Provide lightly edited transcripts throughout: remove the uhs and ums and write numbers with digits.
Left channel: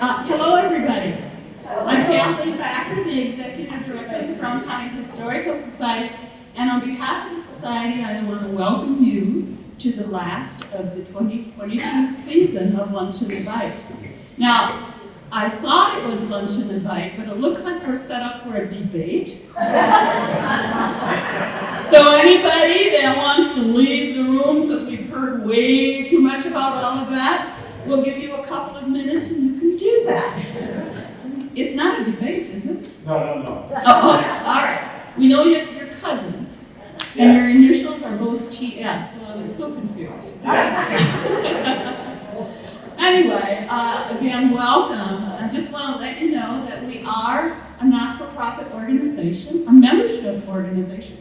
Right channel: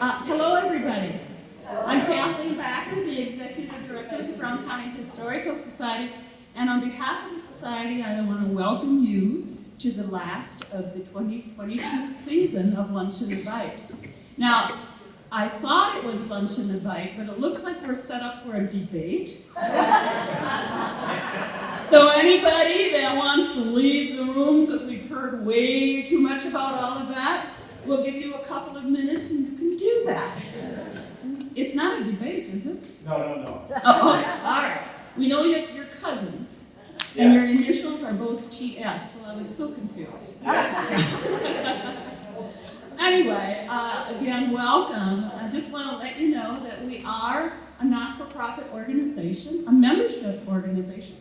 Hello, everybody. I'm Kathleen Backer, the Executive Director of the Brown County Historical Society, and on behalf of the Society, I want to welcome you to the last of the 2022 season of Lunch and Invite. Now, I thought it was Lunch and Invite, but it looks like we're set up for a debate. So anybody that wants to leave the room, because we've heard way too much about all of that, we'll give you a couple of minutes and you can do that. It's not a debate, is it? No. Oh, all right. We know you're cousins, and your initials are both TS, so I was so confused. Anyway, again, welcome. I just want to let you know that we are a not-for-profit organization, a membership organization.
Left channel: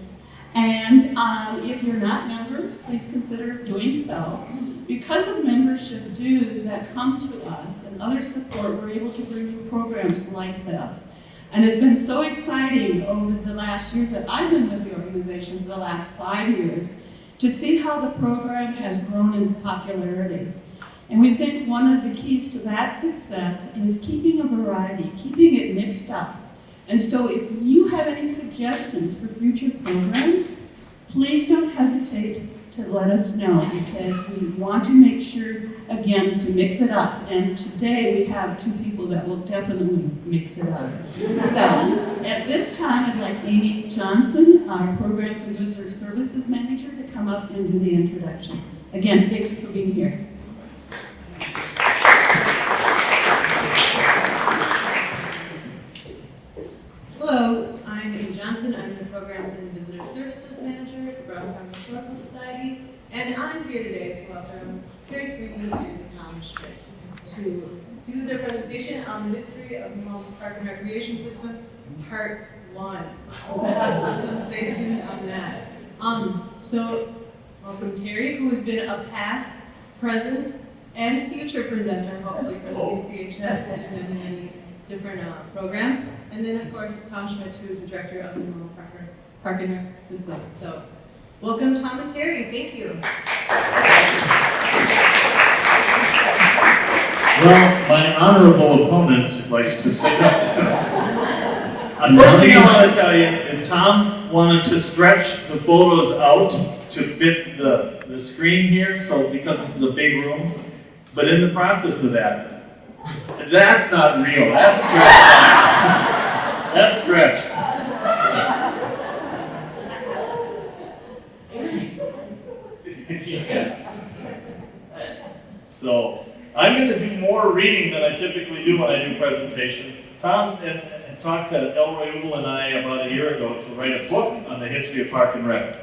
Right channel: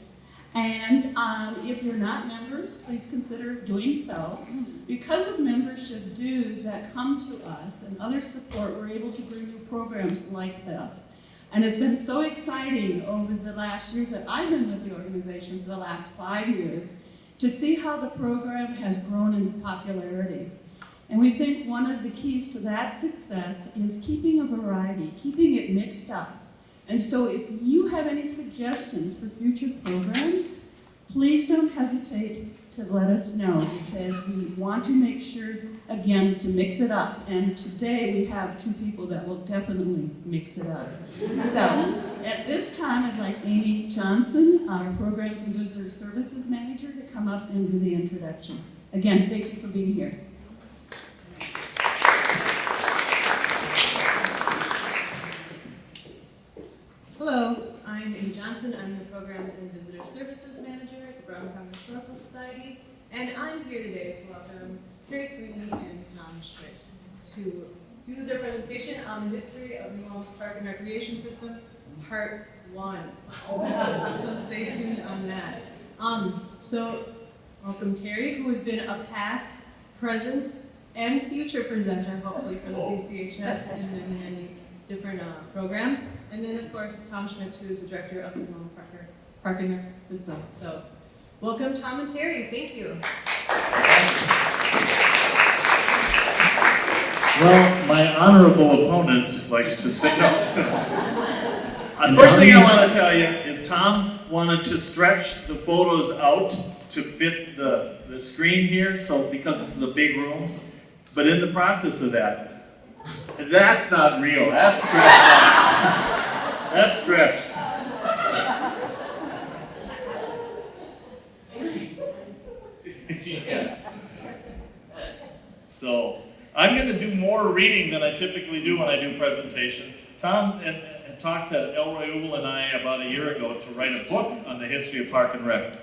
And if you're not members, please consider doing so. Because of membership dues that come to us and other support, we're able to bring you programs like this. And it's been so exciting over the last years that I've been with the organization for the last 5 years to see how the program has grown in popularity. And we think one of the keys to that success is keeping a variety, keeping it mixed up. And so if you have any suggestions for future programs, please don't hesitate to let us know, because we want to make sure, again, to mix it up. And today we have two people that will definitely mix it up. So at this time, I'd like Amy Johnson, our Programs and User Services Manager, to come up and do the introduction. Again, thank you for being here. Hello, I'm Amy Johnson. I'm the Programs and Visitor Services Manager at the Brown County Historical Society, and I'm here today to welcome Terry Sveine and Tom Schmitz to do their presentation on the history of New Ulm's Park and Recreation System, Part 1. So stay tuned on that. So welcome Terry, who has been a past, present, and future presenter, hopefully, for the BCHS and many different programs. And then, of course, Tom Schmitz, who is the director of the New Ulm Park and Rec System. So, welcome, Tom and Terry. Thank you. Well, my honorable opponent likes to say no. First thing I want to tell you is Tom wanted to stretch the photos out to fit the screen here, so because this is a big room. But in the process of that, that's not real. That's stretched. That's stretched. So I'm going to do more reading than I typically do when I do presentations. Tom talked to Elroy Ugal and I about a year ago to write a book on the history of Park and Rec.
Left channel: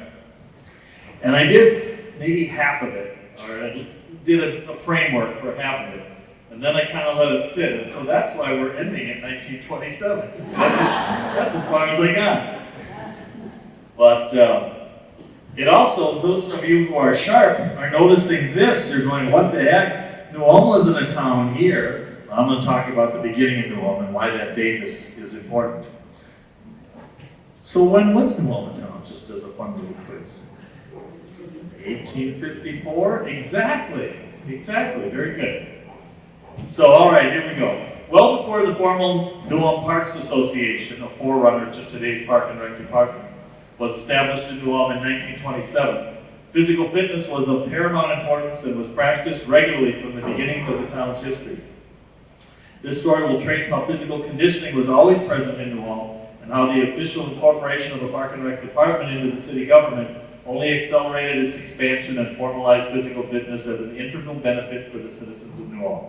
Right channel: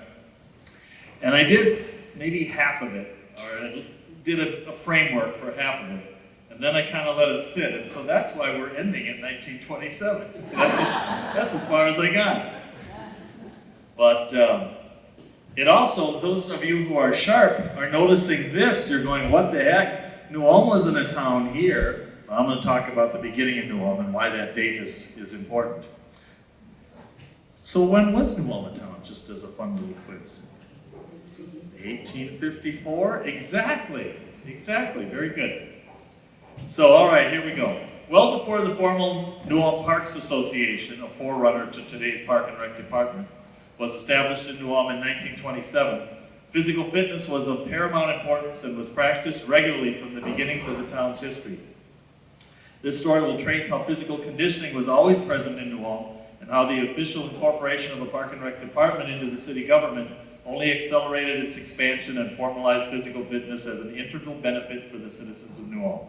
And I did maybe half of it, or I did a framework for half of it. And then I kind of let it sit, and so that's why we're ending at 1927. That's as far as I got. But it also, those of you who are sharp are noticing this. You're going, what the heck? New Ulm wasn't a town here. I'm going to talk about the beginning of New Ulm and why that date is important. So when was New Ulm a town? Just as a fun little quiz. 1854? Exactly, very good. So, all right, here we go. Well before the formal New Ulm Parks Association, a forerunner to today's Park and Rec Department, was established in New Ulm in 1927, physical fitness was of paramount importance and was practiced regularly from the beginnings of the town's history. This story will trace how physical conditioning was always present in New Ulm and how the official incorporation of a Park and Rec Department into the city government only accelerated its expansion and formalized physical fitness as an integral benefit for the citizens of New Ulm.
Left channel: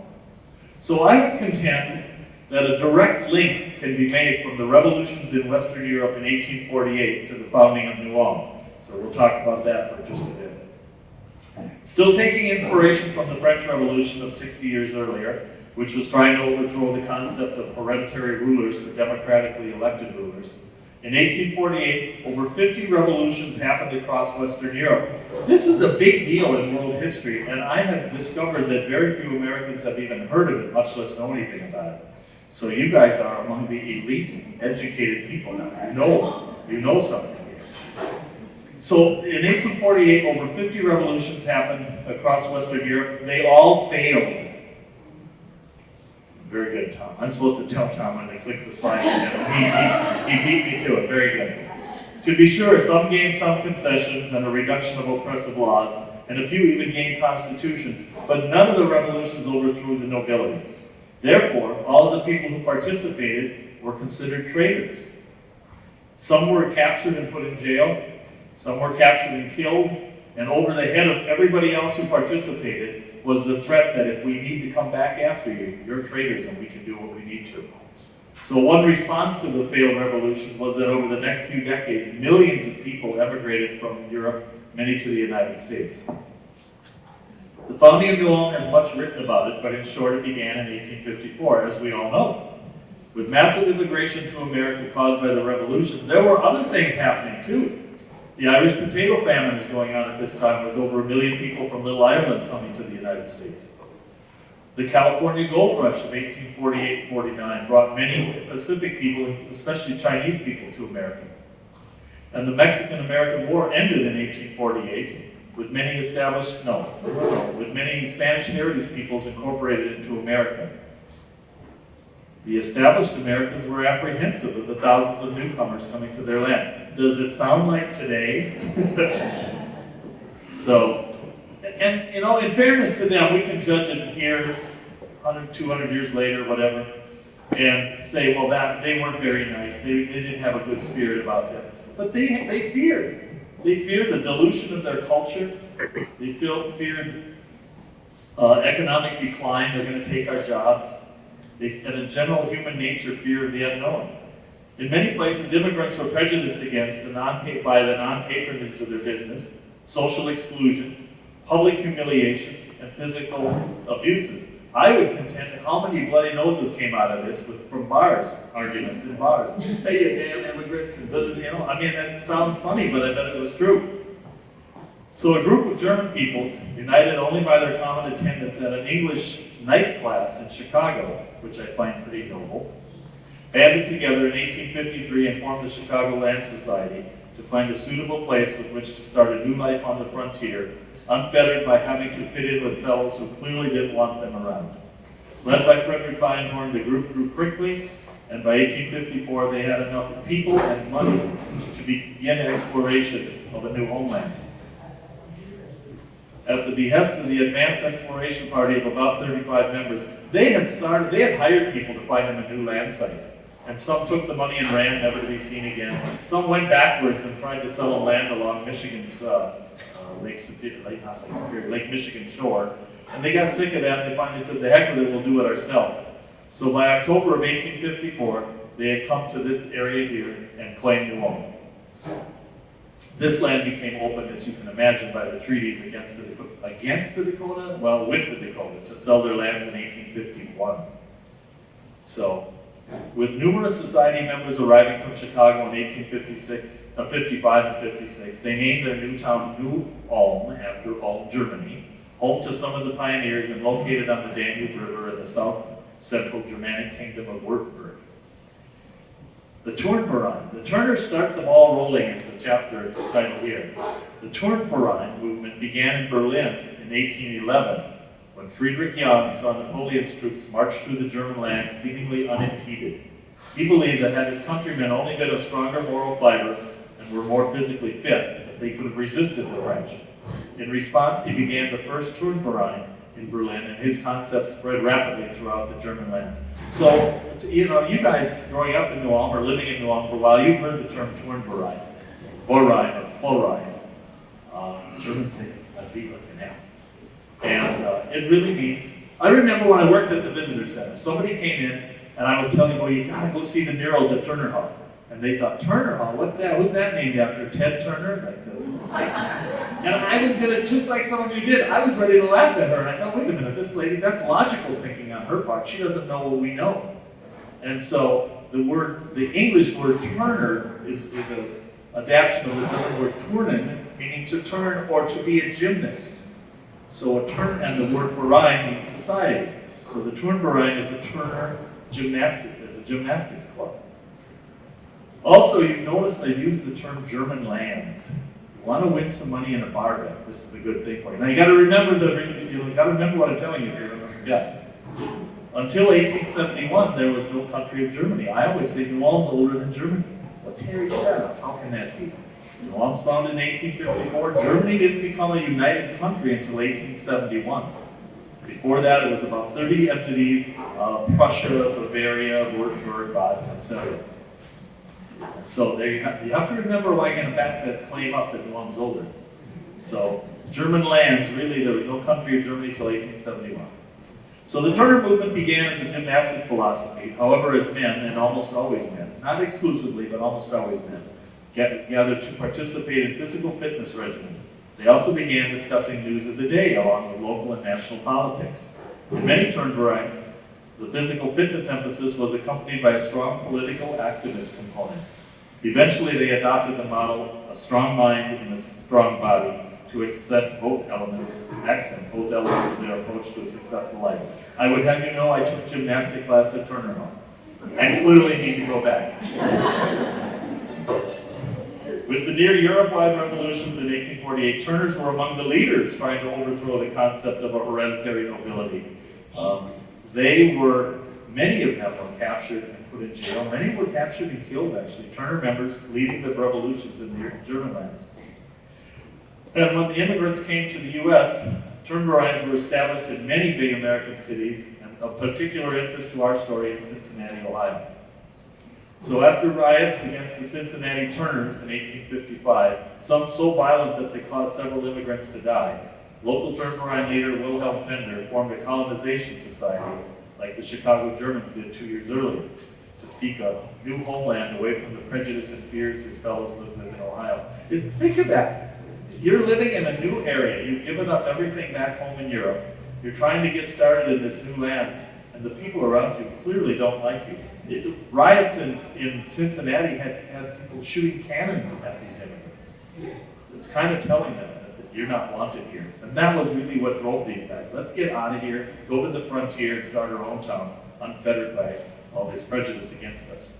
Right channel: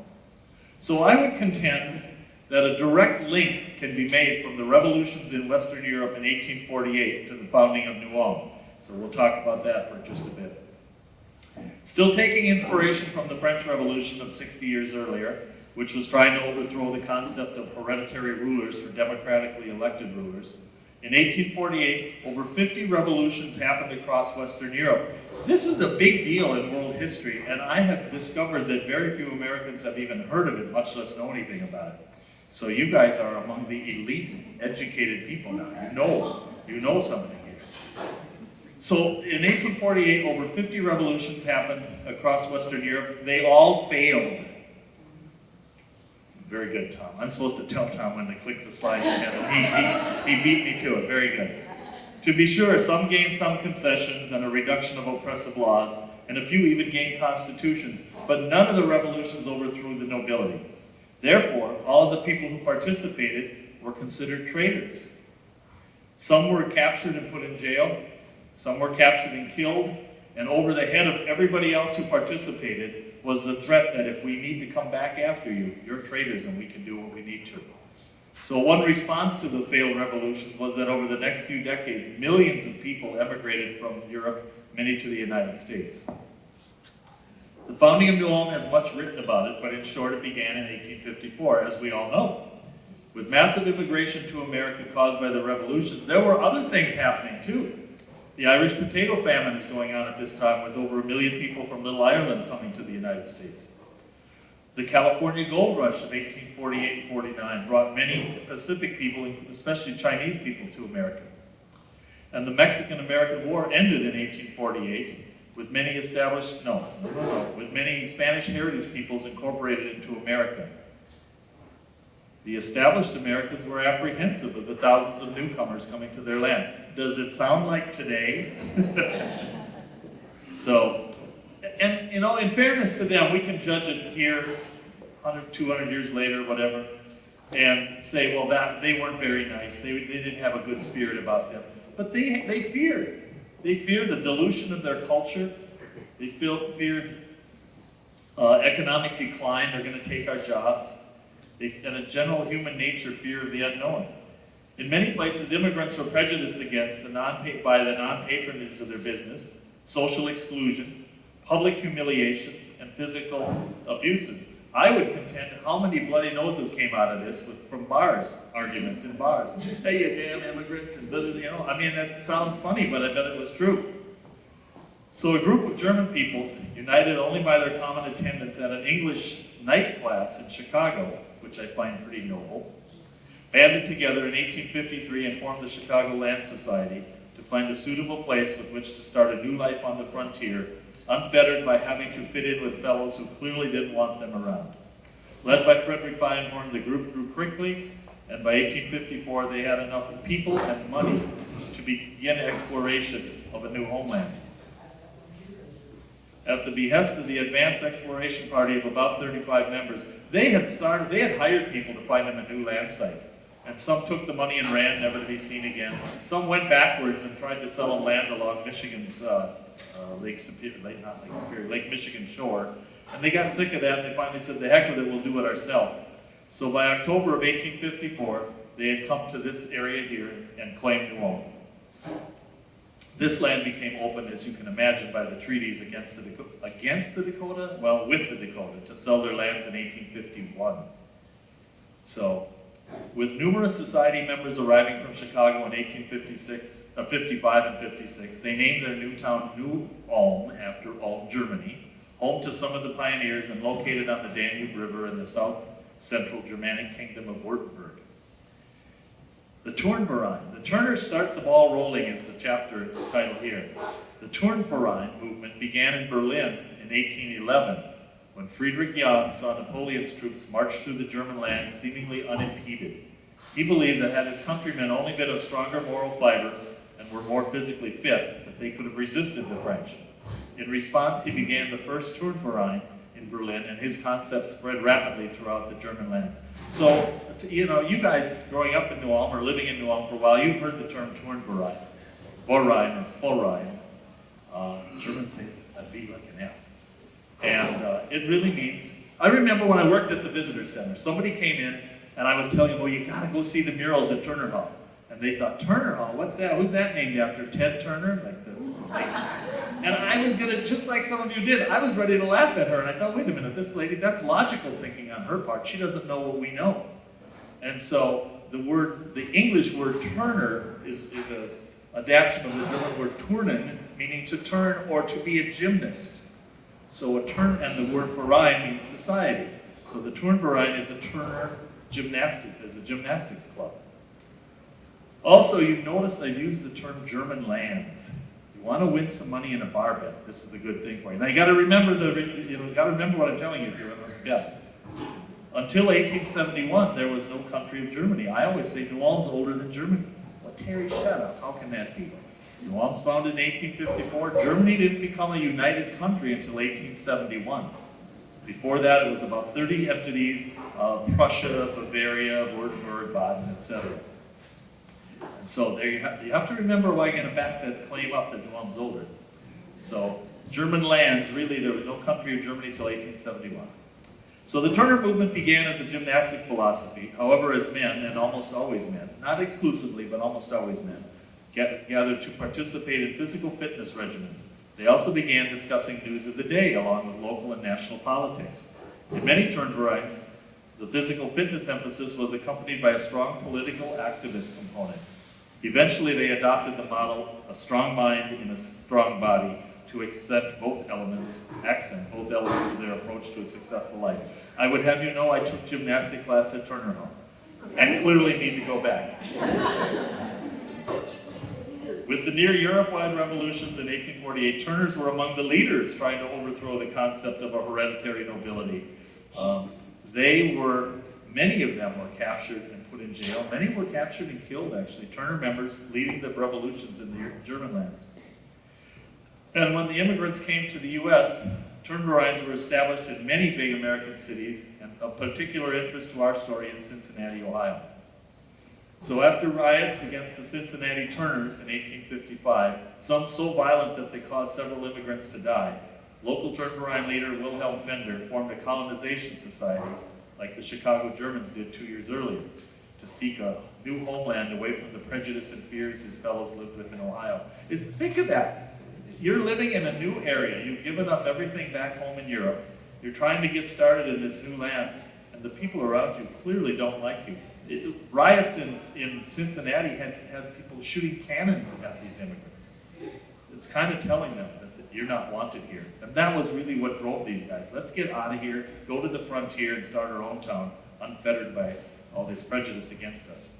So I would contend that a direct link can be made from the revolutions in Western Europe in 1848 to the founding of New Ulm. So we'll talk about that for just a bit. Still taking inspiration from the French Revolution of 60 years earlier, which was trying to overthrow the concept of hereditary rulers for democratically elected rulers, in 1848, over 50 revolutions happened across Western Europe. This was a big deal in world history, and I have discovered that very few Americans have even heard of it, much less know anything about it. So you guys are among the elite, educated people now. You know something here. So in 1848, over 50 revolutions happened across Western Europe. They all failed. Very good, Tom. I'm supposed to tell Tom when to click the slide again. He beat me to it. Very good. To be sure, some gained some concessions and a reduction of oppressive laws, and a few even gained constitutions, but none of the revolutions overthrew the nobility. Therefore, all of the people who participated were considered traitors. Some were captured and put in jail, some were captured and killed, and over the head of everybody else who participated was the threat that if we need to come back after you, you're traitors and we can do what we need to. So one response to the failed revolutions was that over the next few decades, millions of people emigrated from Europe, many to the United States. The founding of New Ulm has much written about it, but in short, it began in 1854, as we all know. With massive immigration to America caused by the revolutions, there were other things happening too. The Irish potato famine is going on at this time, with over 1 million people from Little Ireland coming to the United States. The California gold rush of 1848-49 brought many Pacific people, especially Chinese people, to America. And the Mexican-American War ended in 1848, with many with many Spanish heritage peoples incorporated into America. The established Americans were apprehensive of the thousands of newcomers coming to their land. Does it sound like today? So, and you know, in fairness to them, we can judge it here 100, 200 years later, whatever, and say, well, that they weren't very nice. They didn't have a good spirit about them. But they feared. They feared the dilution of their culture. They feared economic decline. They're going to take our jobs. They had a general human nature fear of the unknown. In many places, immigrants were prejudiced against by the non-patronage of their business, social exclusion, public humiliations, and physical abuses. I would contend how many bloody noses came out of this from bars, arguments in bars. Hey, you damn immigrants, and you know, I mean, that sounds funny, but I bet it was true. So a group of German peoples, united only by their common attendance at an English night class in Chicago, which I find pretty noble, banded together in 1853 and formed the Chicago Land Society to find a suitable place with which to start a new life on the frontier, unfettered by having to fit in with fellows who clearly didn't want them around. Led by Frederick Beinhorn, the group grew quickly, and by 1854 they had enough people and money to begin exploration of a new homeland. At the behest of the Advanced Exploration Party of about 35 members, they had hired people to find them a new land site. And some took the money and ran, never to be seen again. Some went backwards and tried to sell land along Michigan's Lake Michigan shore. And they got sick of that. They finally said, the heck with it, we'll do it ourselves. So by October of 1854, they had come to this area here and claimed New Ulm. This land became open, as you can imagine, by the treaties with the Dakota, to sell their lands in 1851. So, with numerous society members arriving from Chicago in 55 and 56, they named their new town New Ulm after Ulm, Germany, home to some of the pioneers and located on the Danube River in the south-central Germanic kingdom of Württemberg. The Turnverein. The Turners start the ball rolling is the chapter title here. The Turnverein movement began in Berlin in 1811 when Friedrich Young saw Napoleon's troops march through the German lands seemingly unimpeded. He believed that had his countrymen only been of stronger moral fiber and were more physically fit, that they could have resisted the French. In response, he began the first Turnverein in Berlin, and his concept spread rapidly throughout the German lands. So, you know, you guys growing up in New Ulm or living in New Ulm for a while, you've heard the term Turnverein, Verein or Verein. Germans say a V like an F. And it really means, I remember when I worked at the visitor center, somebody came in and I was telling them, well, you gotta go see the murals at Turner Hall. And they thought, Turner Hall, what's that? Who's that named after? Ted Turner? And I was gonna, just like some of you did, I was ready to laugh at her. And I thought, wait a minute, this lady, that's logical thinking on her part. She doesn't know what we know. And so the English word Turner is an adaptation of the German word turnen, meaning to turn or to be a gymnast. So a turn, and the word Verein means society. So the Turnverein is a Turner gymnastics club. Also, you noticed I used the term German lands. You want to win some money in a bar bet, this is a good thing for you. Now you got to remember what I'm telling you here. Yeah. Until 1871, there was no country of Germany. I always say New Ulm's older than Germany. But Terry, shut up. How can that be? New Ulm's founded in 1854. Germany didn't become a united country until 1871. Before that, it was about 30 entities, Prussia, Bavaria, Württemberg, Baden, etc. So there you have to remember why you're going to back that claim up that New Ulm's older. So German lands, really, there was no country of Germany until 1871. So the Turner movement began as a gymnastic philosophy. However, as men, and almost always men, not exclusively, but almost always men, gathered to participate in physical fitness regimens. They also began discussing news of the day along with local and national politics. In many Turnvereins, the physical fitness emphasis was accompanied by a strong political activist component. Eventually, they adopted the model, a strong mind in a strong body, to accent both elements of their approach to a successful life. I would have you know I took gymnastic class at Turner Hall, and clearly need to go back. With the near Europe-wide revolutions in 1848, Turners were among the leaders trying to overthrow the concept of a hereditary nobility. Many of them were captured and put in jail. Many were captured and killed, actually. Turner members leading the revolutions in the German lands. And when the immigrants came to the U.S., Turnvereins were established in many big American cities, and of particular interest to our story in Cincinnati, Ohio. So after riots against the Cincinnati Turners in 1855, some so violent that they caused several immigrants to die, local Turnverein leader Wilhelm Fender formed a colonization society, like the Chicago Germans did 2 years earlier, to seek a new homeland away from the prejudice and fears his fellows lived with in Ohio. Think of that. You're living in a new area. You've given up everything back home in Europe. You're trying to get started in this new land, and the people around you clearly don't like you. Riots in Cincinnati had people shooting cannons at these immigrants. It's kind of telling them that you're not wanted here. And that was really what drove these guys. Let's get out of here, go to the frontier and start our own town, unfettered by all this prejudice against us.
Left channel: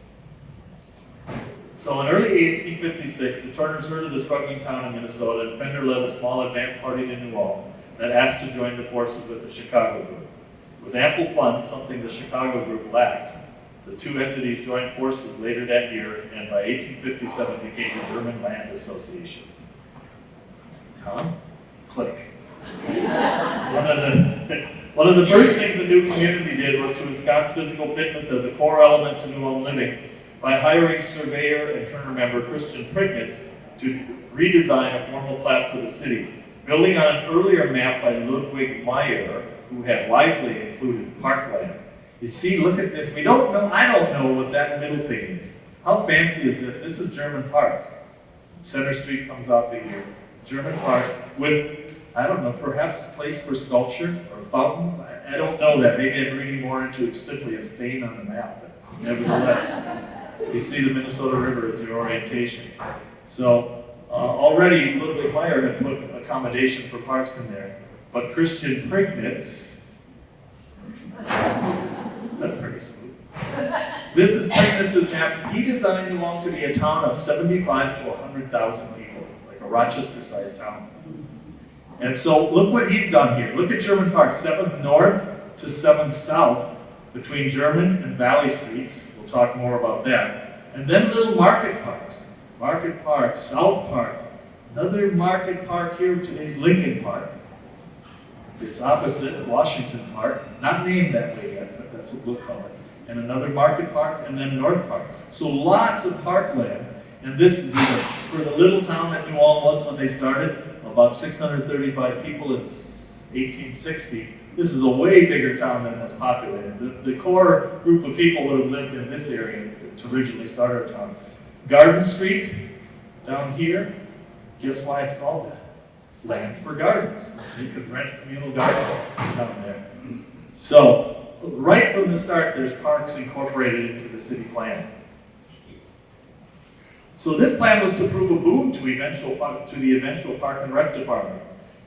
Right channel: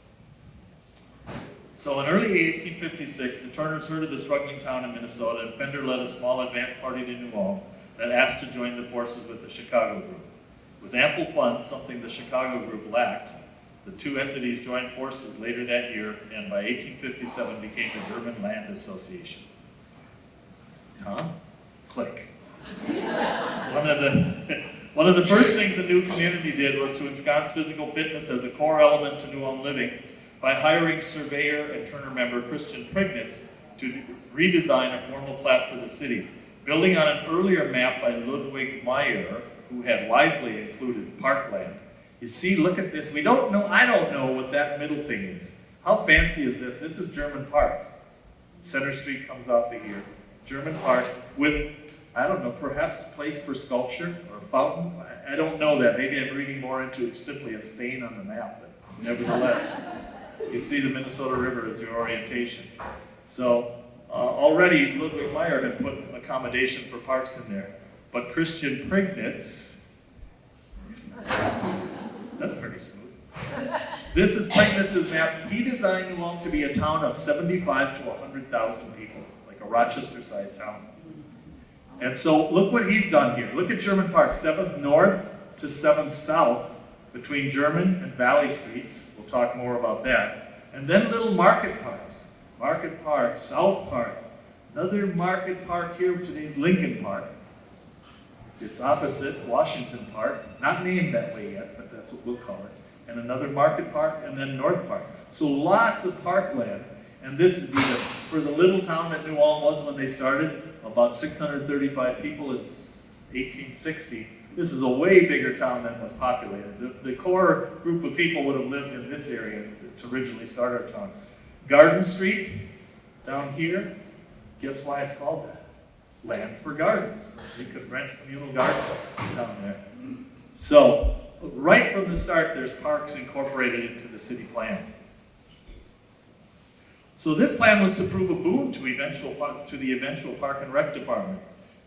So in early 1856, the Turners heard of the struggling town in Minnesota, and Fender led a small advance party to New Ulm that asked to join the forces with the Chicago group. With ample funds, something the Chicago group lacked, the two entities joined forces later that year, and by 1857 became the German Land Association. Tom? Click. One of the first things the new community did was to ensconce physical fitness as a core element to New Ulm living by hiring surveyor and Turner member Christian Prignitz to redesign a formal plat for the city, building on an earlier map by Ludwig Meyer, who had wisely included parkland. You see, look at this. I don't know what that middle thing is. How fancy is this? This is German Park. Center Street comes off of here. German Park with, I don't know, perhaps a place for sculpture or a fountain. I don't know that. Maybe I'm reading more into it, simply a stain on the map. But nevertheless, you see the Minnesota River as your orientation. So already Ludwig Meyer had put accommodation for parks in there. But Christian Prignitz, that's pretty smooth. This is Prignitz's map. He designed New Ulm to be a town of 75 to 100,000 people, like a Rochester-sized town. And so look what he's done here. Look at German Park, 7th North to 7th South, between German and Valley Streets. We'll talk more about that. And then little market parks. Market Park, South Park, another market park here, today's Lincoln Park. It's opposite Washington Park, not named that way yet, but that's what we'll call it. And another market park, and then North Park. So lots of parkland, and this is even, for the little town that New Ulm was when they started, about 635 people in 1860. This is a way bigger town than was populated. The core group of people would have lived in this area to originally start our town. Garden Street, down here, guess why it's called that? Land for gardens. You could rent communal gardens down there. So, right from the start, there's parks incorporated into the city plan. So this plan was to prove a boon to the eventual Park and Rec Department,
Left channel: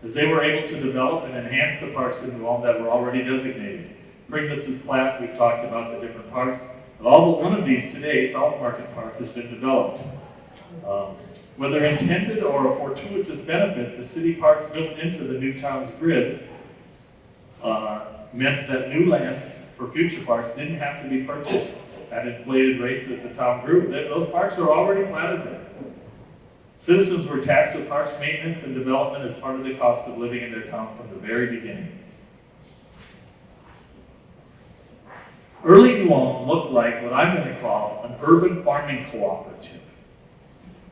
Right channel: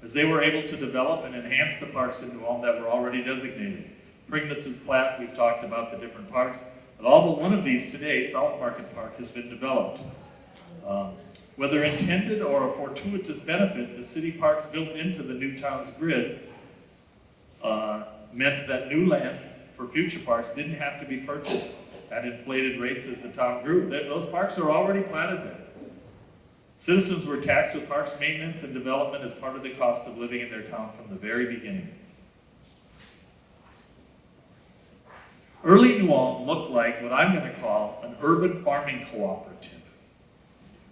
as they were able to develop and enhance the parks in New Ulm that were already designated. Prignitz's plat, we've talked about the different parks, but all but one of these today, South Market Park, has been developed. Whether intended or a fortuitous benefit, the city parks built into the new town's grid meant that new land for future parks didn't have to be purchased at inflated rates as the town grew. Those parks are already platted there. Citizens were taxed with parks maintenance and development as part of the cost of living in their town from the very beginning. Early New Ulm looked like what I'm going to call an urban farming cooperative.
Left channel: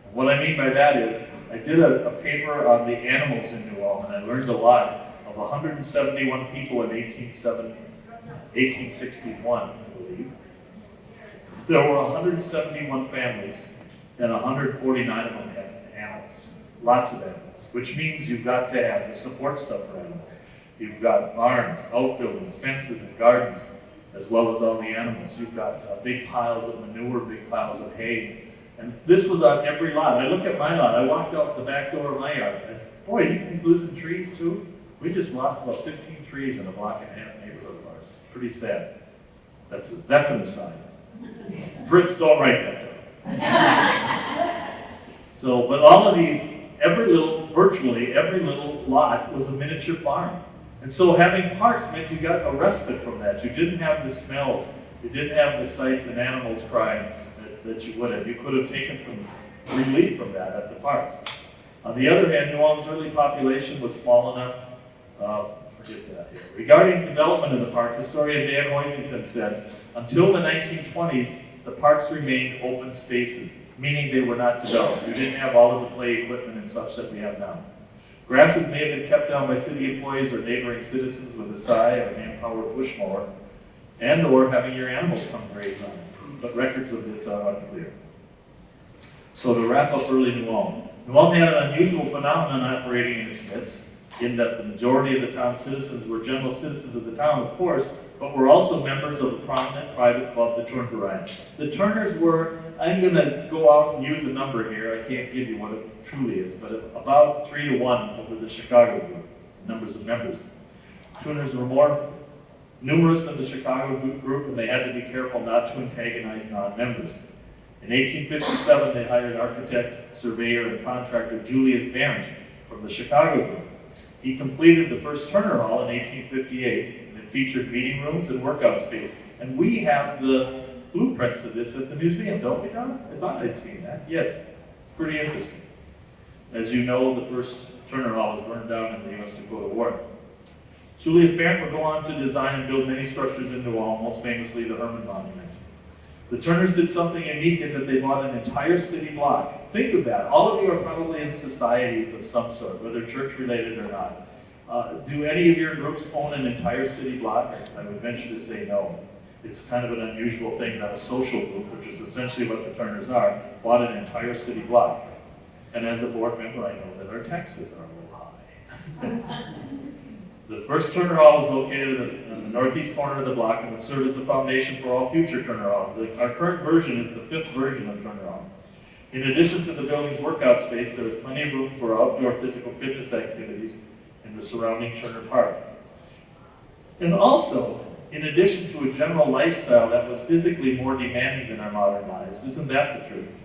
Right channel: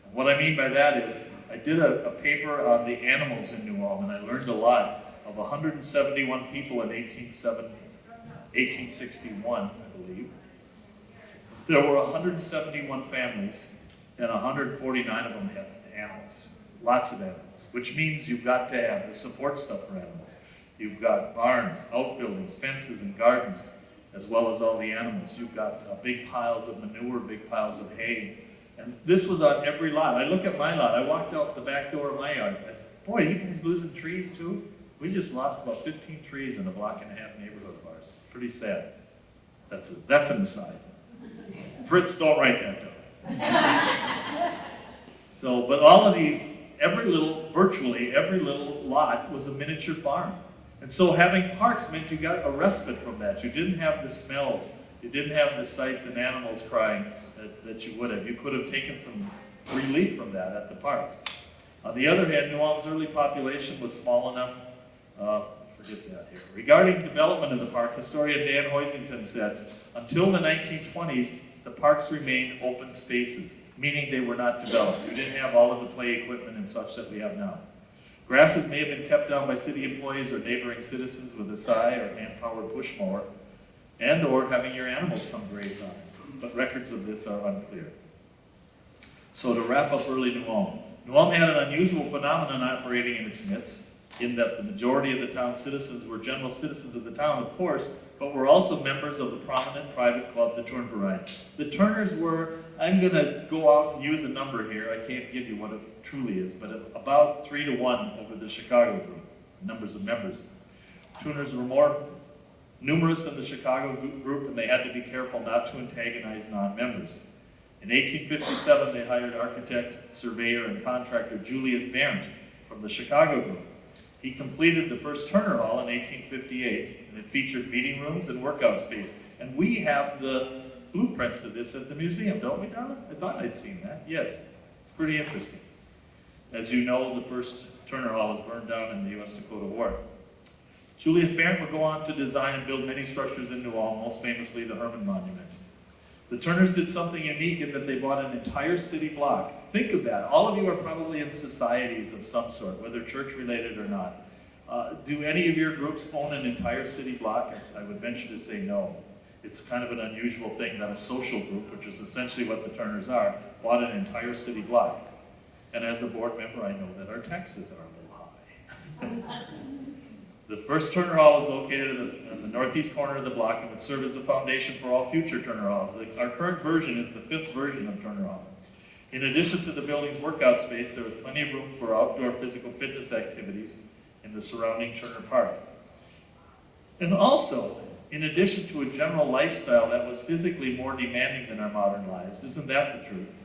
And what I mean by that is, I did a paper on the animals in New Ulm, and I learned a lot. Of 171 people in 1861, I believe, there were 171 families, and 149 of them had animals, lots of animals, which means you've got to have the support stuff for animals. You've got barns, outbuildings, fences, and gardens, as well as all the animals. You've got big piles of manure, big piles of hay. And this was on every lot. I look at my lot. I walked out the back door of my yard. I said, boy, you guys losing trees too? We just lost about 15 trees in a block and a half neighborhood of ours. Pretty sad. That's an aside. Fritz, don't write that down. So, but all of these, virtually every little lot was a miniature farm. And so having parks meant you got a respite from that. You didn't have the smells. You didn't have the sights and animals crying that you would have. You could have taken some relief from that at the parks. On the other hand, New Ulm's early population was small enough, forget that here. Regarding development of the park, historian Dan Hoisington said, until the 1920s, the parks remained open spaces, meaning they were not developed. You didn't have all of the play equipment and such that we have now. Grasses may have been kept down by city employees or neighboring citizens with a scythe or hand-powered push mower, and or having your animals come graze on it. But records of this are unclear. So to wrap up early New Ulm. New Ulm had an unusual phenomenon operating in its midst, in that the majority of the town's citizens were general citizens of the town, of course, but were also members of a prominent private club, the Turn Variety. The Turners were, I'm going to go out and use a number here, I can't give you what it truly is, but about 3 to 1 over the Chicago group, numbers of members. Turners were more numerous than the Chicago group, and they had to be careful not to antagonize non-members. In 1857, they hired architect, surveyor, and contractor Julius Barrett from the Chicago group. He completed the first Turner Hall in 1858, and it featured meeting rooms and workout space. And we have the blueprints of this at the museum, don't we, Don? I thought I'd seen that. Yes, it's pretty interesting. As you know, the first Turner Hall was burned down in the U.S. Dakota War. Julius Barrett would go on to design and build many structures in New Ulm, most famously the Herman Monument. The Turners did something unique in that they bought an entire city block. Think of that. All of you are probably in societies of some sort, whether church-related or not. Do any of your groups own an entire city block? I would venture to say no. It's kind of an unusual thing that a social group, which is essentially what the Turners are, bought an entire city block. And as a board member, I know that our taxes are a little high. The first Turner Hall was located in the northeast corner of the block and would serve as the foundation for all future Turner Halls. Our current version is the 5th version of Turner Hall. In addition to the building's workout space, there was plenty of room for outdoor physical fitness activities in the surrounding Turner Park. And also, in addition to a general lifestyle that was physically more demanding than our modern lives, isn't that the truth?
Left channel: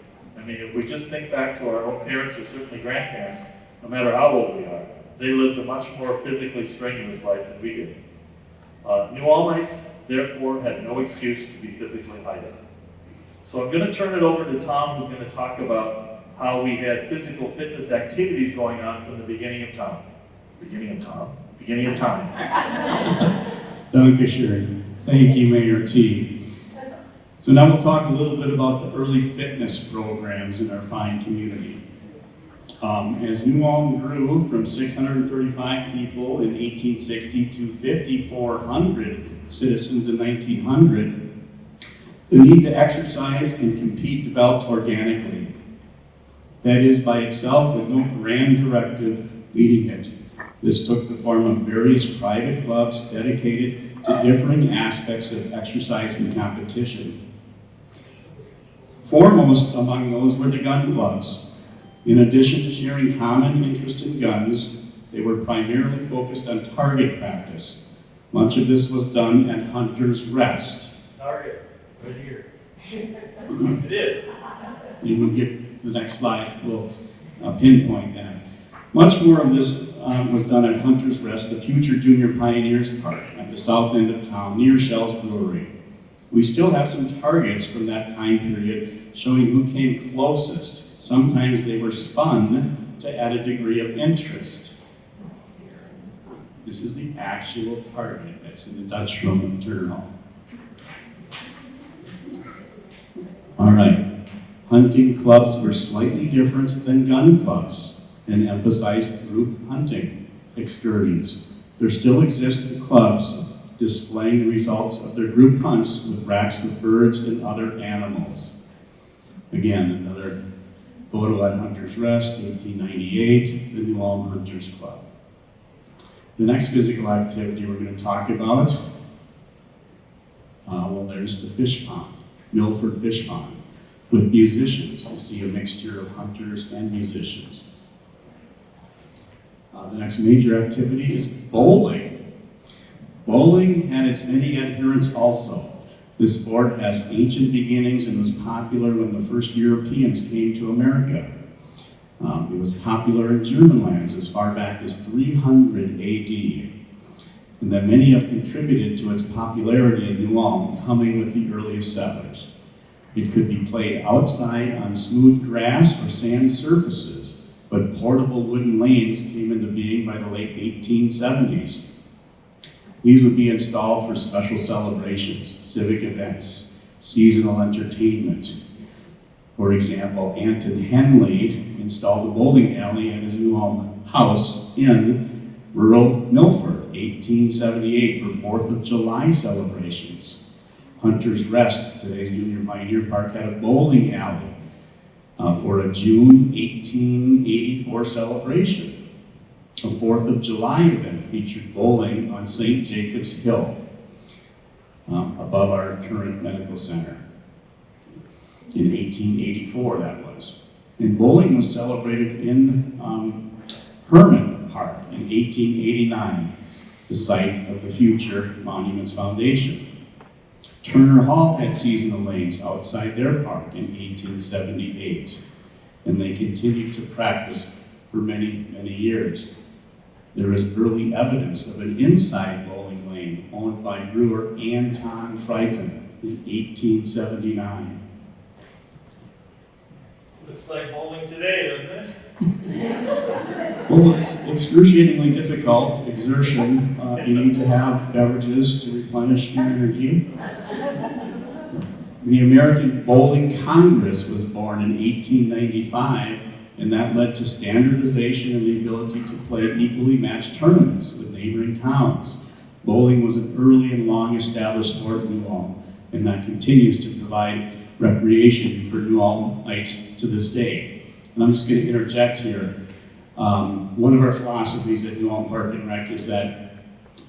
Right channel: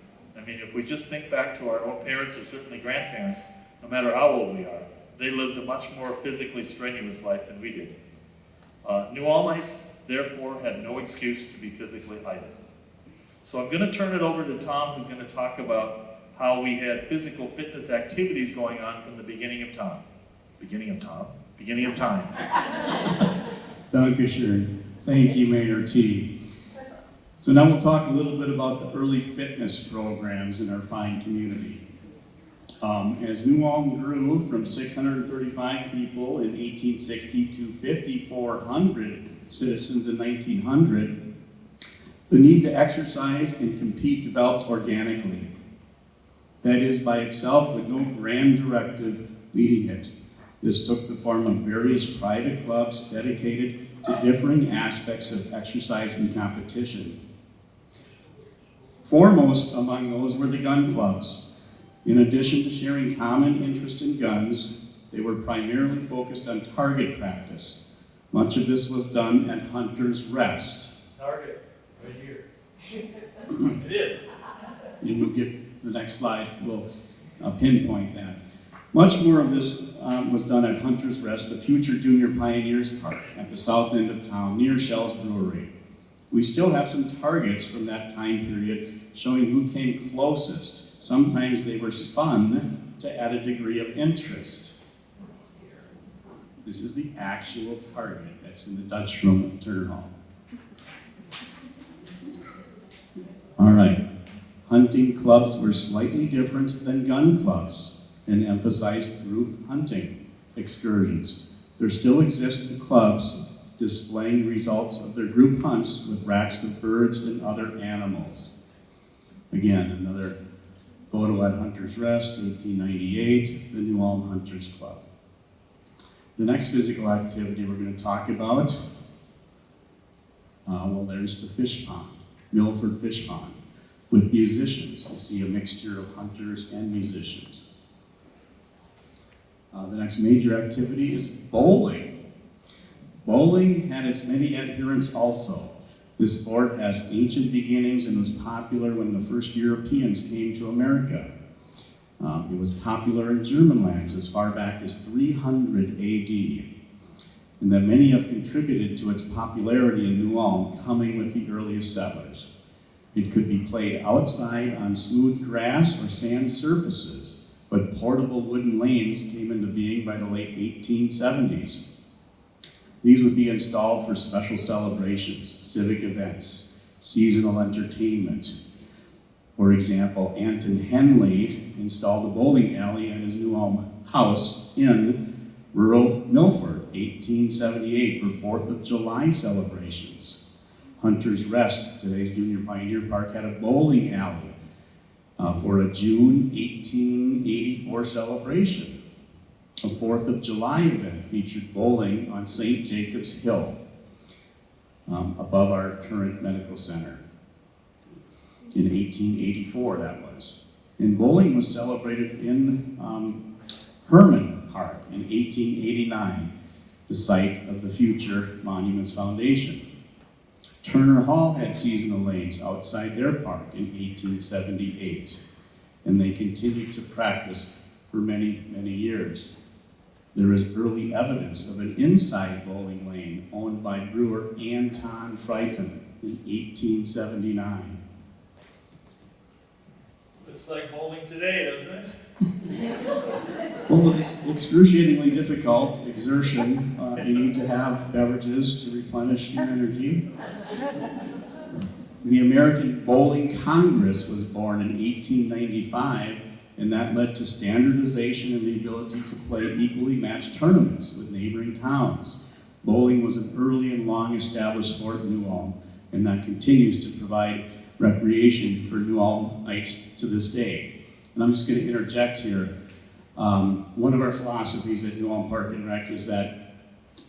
I mean, if we just think back to our own parents or certainly grandparents, no matter how old we are, they lived a much more physically strenuous life than we did. New Ulmites, therefore, had no excuse to be physically idle. So I'm going to turn it over to Tom, who's going to talk about how we had physical fitness activities going on from the beginning of time. Beginning of time. Dankeschön. Thank you, Mayor T. So now we'll talk a little bit about the early fitness programs in our fine community. As New Ulm grew from 635 people in 1860 to 5,400 citizens in 1900, the need to exercise and compete developed organically. That is by itself with no grand directive leading it. This took the form of various private clubs dedicated to differing aspects of exercise and competition. Foremost among those were the gun clubs. In addition to sharing common interest in guns, they were primarily focused on target practice. Much of this was done at Hunter's Rest. Target, right here. It is. You will get the next slide, we'll pinpoint that. Much more of this was done at Hunter's Rest, the future Junior Pioneers Park at the south end of town near Shell's Brewery. We still have some targets from that time period showing who came closest. Sometimes they were spun to add a degree of interest. This is the actual target that's in the Dutch room at Turner Hall. All right, hunting clubs were slightly different than gun clubs and emphasized group hunting excursions. There still exist clubs displaying the results of their group hunts with racks of birds and other animals. Again, another photo at Hunter's Rest, 1898, the New Ulm Hunters Club. The next physical activity we're going to talk about, well, there's the fish pond, Milford Fish Pond, with musicians. You see a mixture of hunters and musicians. The next major activity is bowling. Bowling had its many adherents also. This sport has ancient beginnings and was popular when the first Europeans came to America. It was popular in German lands as far back as 300 AD, and that many have contributed to its popularity in New Ulm, coming with the earliest settlers. It could be played outside on smooth grass or sand surfaces, but portable wooden lanes came into being by the late 1870s. These would be installed for special celebrations, civic events, seasonal entertainment. For example, Anton Henley installed a bowling alley at his New Ulm house in rural Milford, 1878, for 4th of July celebrations. Hunter's Rest, today's Junior Pioneer Park, had a bowling alley for a June 1884 celebration. A 4th of July event featured bowling on St. Jacob's Hill, above our current medical center. In 1884, that was. And bowling was celebrated in Herman Park in 1889, the site of the future Monuments Foundation. Turner Hall had seasonal lanes outside their park in 1878, and they continued to practice for many, many years. There is early evidence of an inside bowling lane owned by brewer Anton Frighton in 1879. Looks like bowling today, doesn't it? Well, it's excruciatingly difficult exertion. You need to have beverages to replenish your energy. The American Bowling Congress was born in 1895, and that led to standardization and the ability to play equally matched tournaments with neighboring towns. Bowling was an early and long-established sport in New Ulm, and that continues to provide recreation for New Ulmites to this day. And I'm just going to interject here. One of our philosophies at New Ulm Park and Rec is that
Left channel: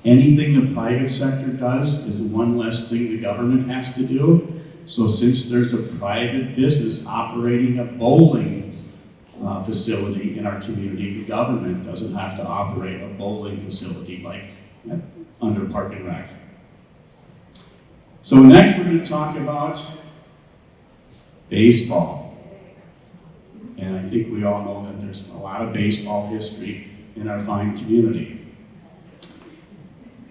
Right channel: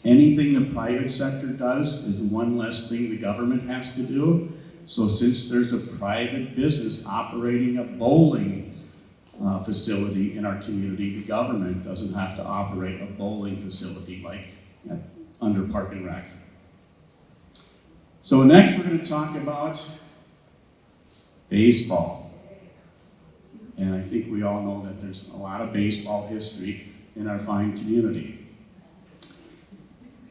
anything the private sector does is one less thing the government has to do. So since there's a private business operating a bowling facility in our community, the government doesn't have to operate a bowling facility like under Park and Rec. So next we're going to talk about baseball. And I think we all know that there's a lot of baseball history in our fine community.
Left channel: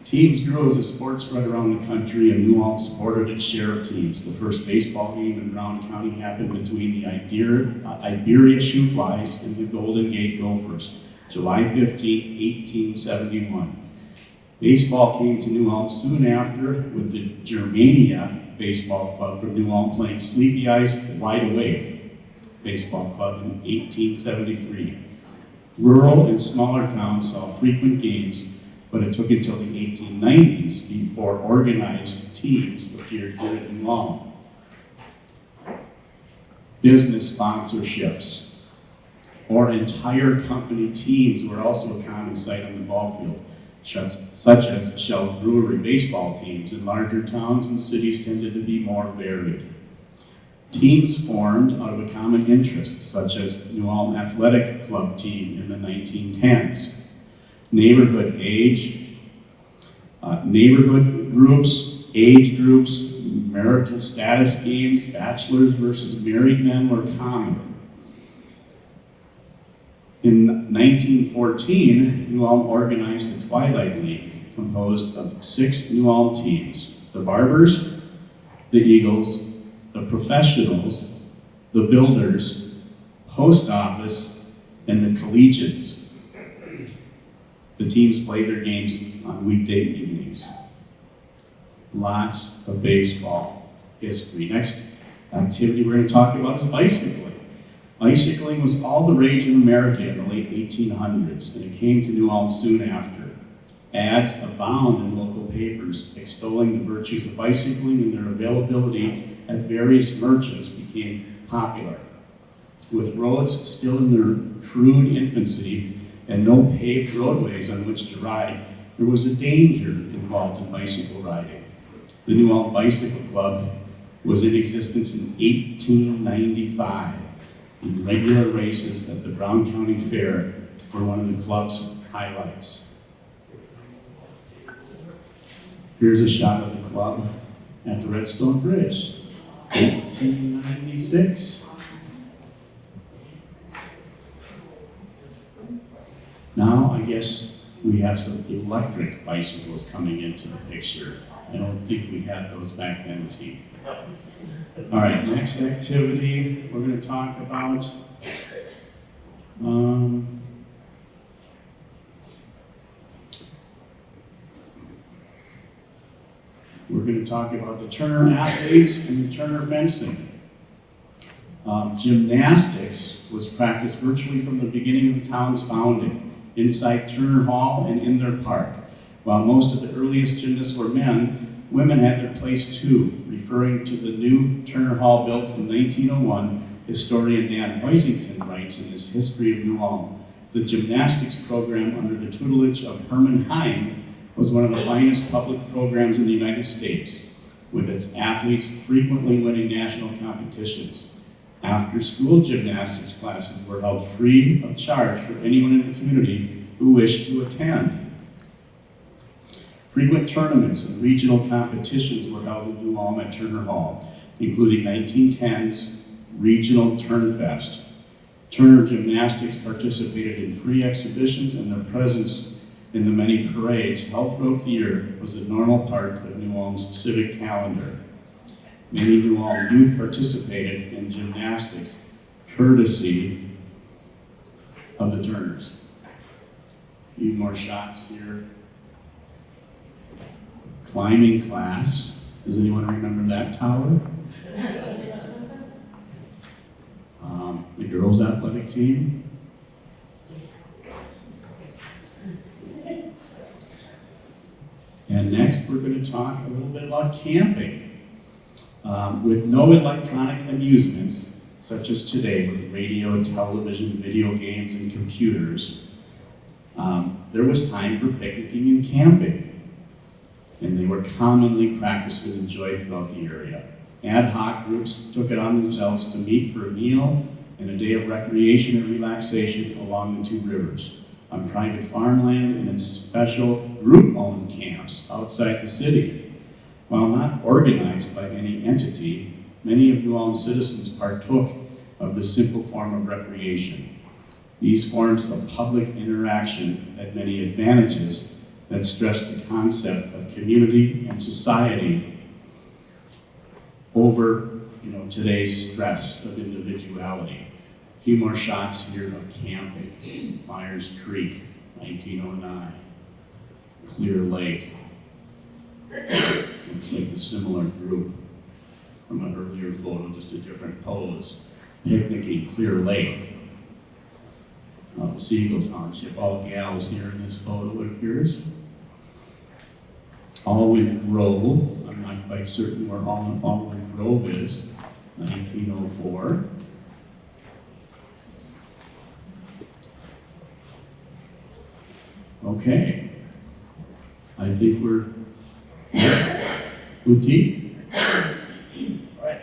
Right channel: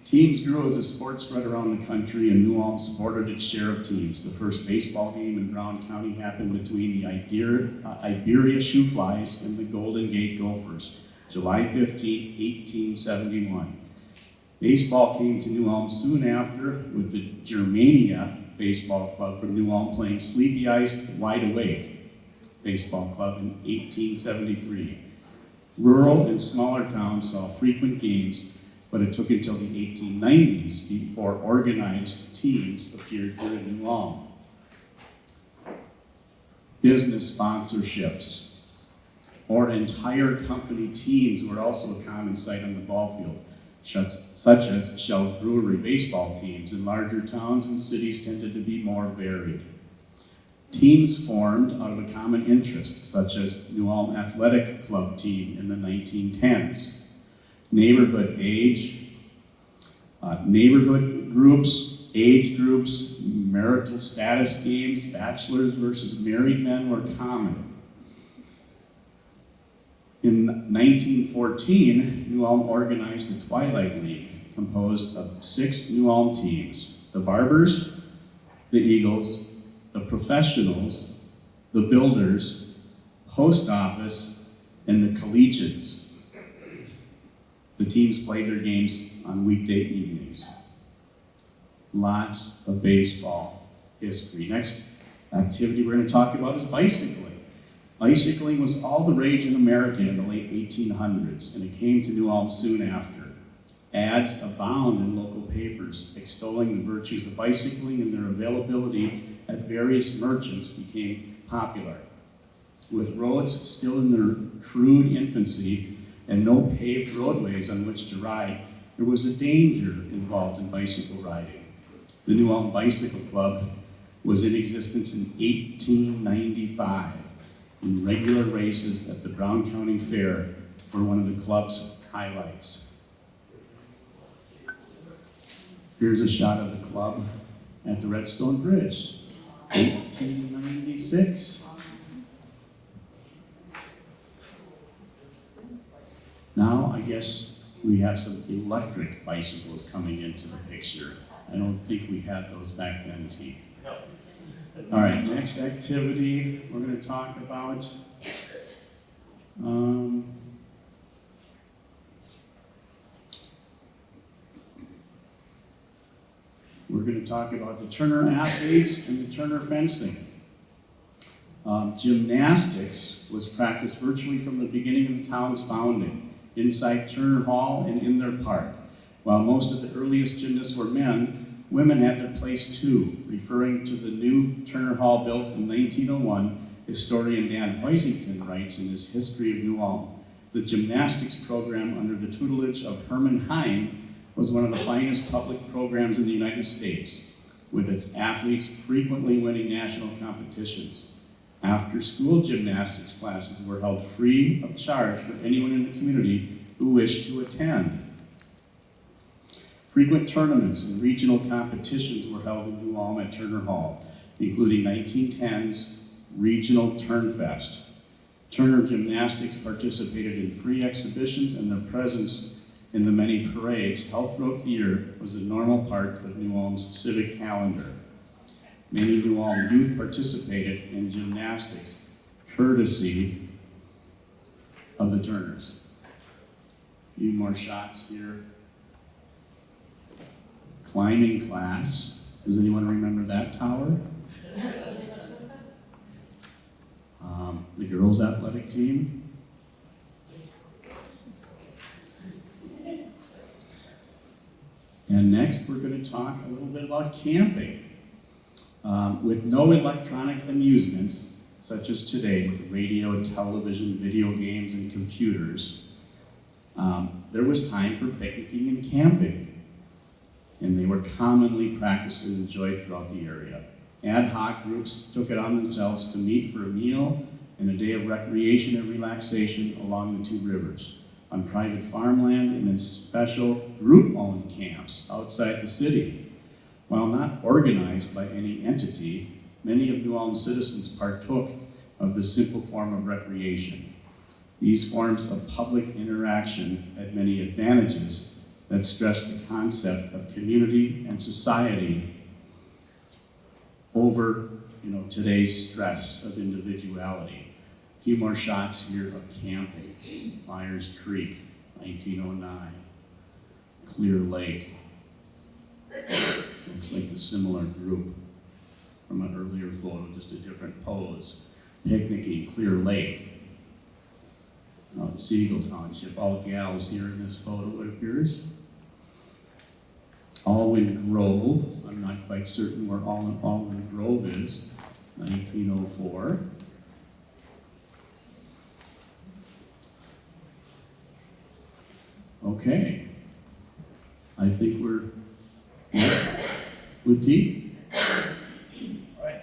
Teams grew as the sport spread around the country, and New Ulm sported its share of teams. The first baseball game in Brown County happened between the Iberia Shoeflies and the Golden Gate Gophers, July 15, 1871. Baseball came to New Ulm soon after, with the Germania Baseball Club from New Ulm playing Sleepy Ice Wide Awake Baseball Club in 1873. Rural and smaller towns saw frequent games, but it took until the 1890s before organized teams appeared here in New Ulm. Business sponsorships or entire company teams were also a common sight on the ball field, such as Shell's Brewery baseball teams. In larger towns and cities tended to be more varied. Teams formed out of a common interest, such as New Ulm Athletic Club team in the 1910s. Neighborhood groups, age groups, marital status games, bachelors versus married men were common. In 1914, New Ulm organized the Twilight League, composed of 6 New Ulm teams: the Barbers, the Eagles, the Professionals, the Builders, Post Office, and the Collegians. The teams played their games on weekday evenings. Lots of baseball history. Next activity we're going to talk about is bicycling. Bicycling was all the rage in America in the late 1800s, and it came to New Ulm soon after. Ads abound in local papers extolling the virtues of bicycling, and their availability at various merchants became popular. With roads still in their crude infancy and no paved roadways on which to ride, there was a danger involved in bicycle riding. The New Ulm Bicycle Club was in existence in 1895, and regular races at the Brown County Fair were one of the club's highlights. Here's a shot of the club at the Redstone Bridge, 1896. Now, I guess we have some electric bicycles coming into the picture. I don't think we had those back then, T. All right, next activity we're going to talk about. We're going to talk about the Turner athletes and the Turner fencing. Gymnastics was practiced virtually from the beginning of the town's founding, inside Turner Hall and in their park. While most of the earliest gymnasts were men, women had their place too. Referring to the new Turner Hall built in 1901, historian Dan Hoisington writes in his History of New Ulm, the gymnastics program under the tutelage of Herman Heim was one of the finest public programs in the United States, with its athletes frequently winning national competitions. After-school gymnastics classes were held free of charge for anyone in the community who wished to attend. Frequent tournaments and regional competitions were held in New Ulm at Turner Hall, including 1910's Regional Turnfest. Turner Gymnastics participated in free exhibitions, and their presence in the many parades held throughout the year was a normal part of New Ulm's civic calendar. Many New Ulm youth participated in gymnastics, courtesy of the Turners. A few more shots here. Climbing class. Does anyone remember that tower? The girls' athletic team. And next, we're going to talk a little bit about camping. With no electronic amusements, such as today with radio, television, video games, and computers, there was time for picnicking and camping, and they were commonly practiced and enjoyed throughout the area. Ad hoc groups took it on themselves to meet for a meal and a day of recreation and relaxation along the two rivers, on private farmland and in special group-owned camps outside the city. While not organized by any entity, many of New Ulm citizens partook of the simple form of recreation. These forms of public interaction had many advantages that stressed the concept of community and society over today's stress of individuality. A few more shots here of camping. Myers Creek, 1909. Clear Lake. Looks like the similar group from an earlier photo, just a different pose. Picnicking, Clear Lake. Siegel Township, all gals here in this photo, it appears. Alwyn Grove, I'm not quite certain where Alwyn Grove is, 1904. Okay, I think we're with T. All right.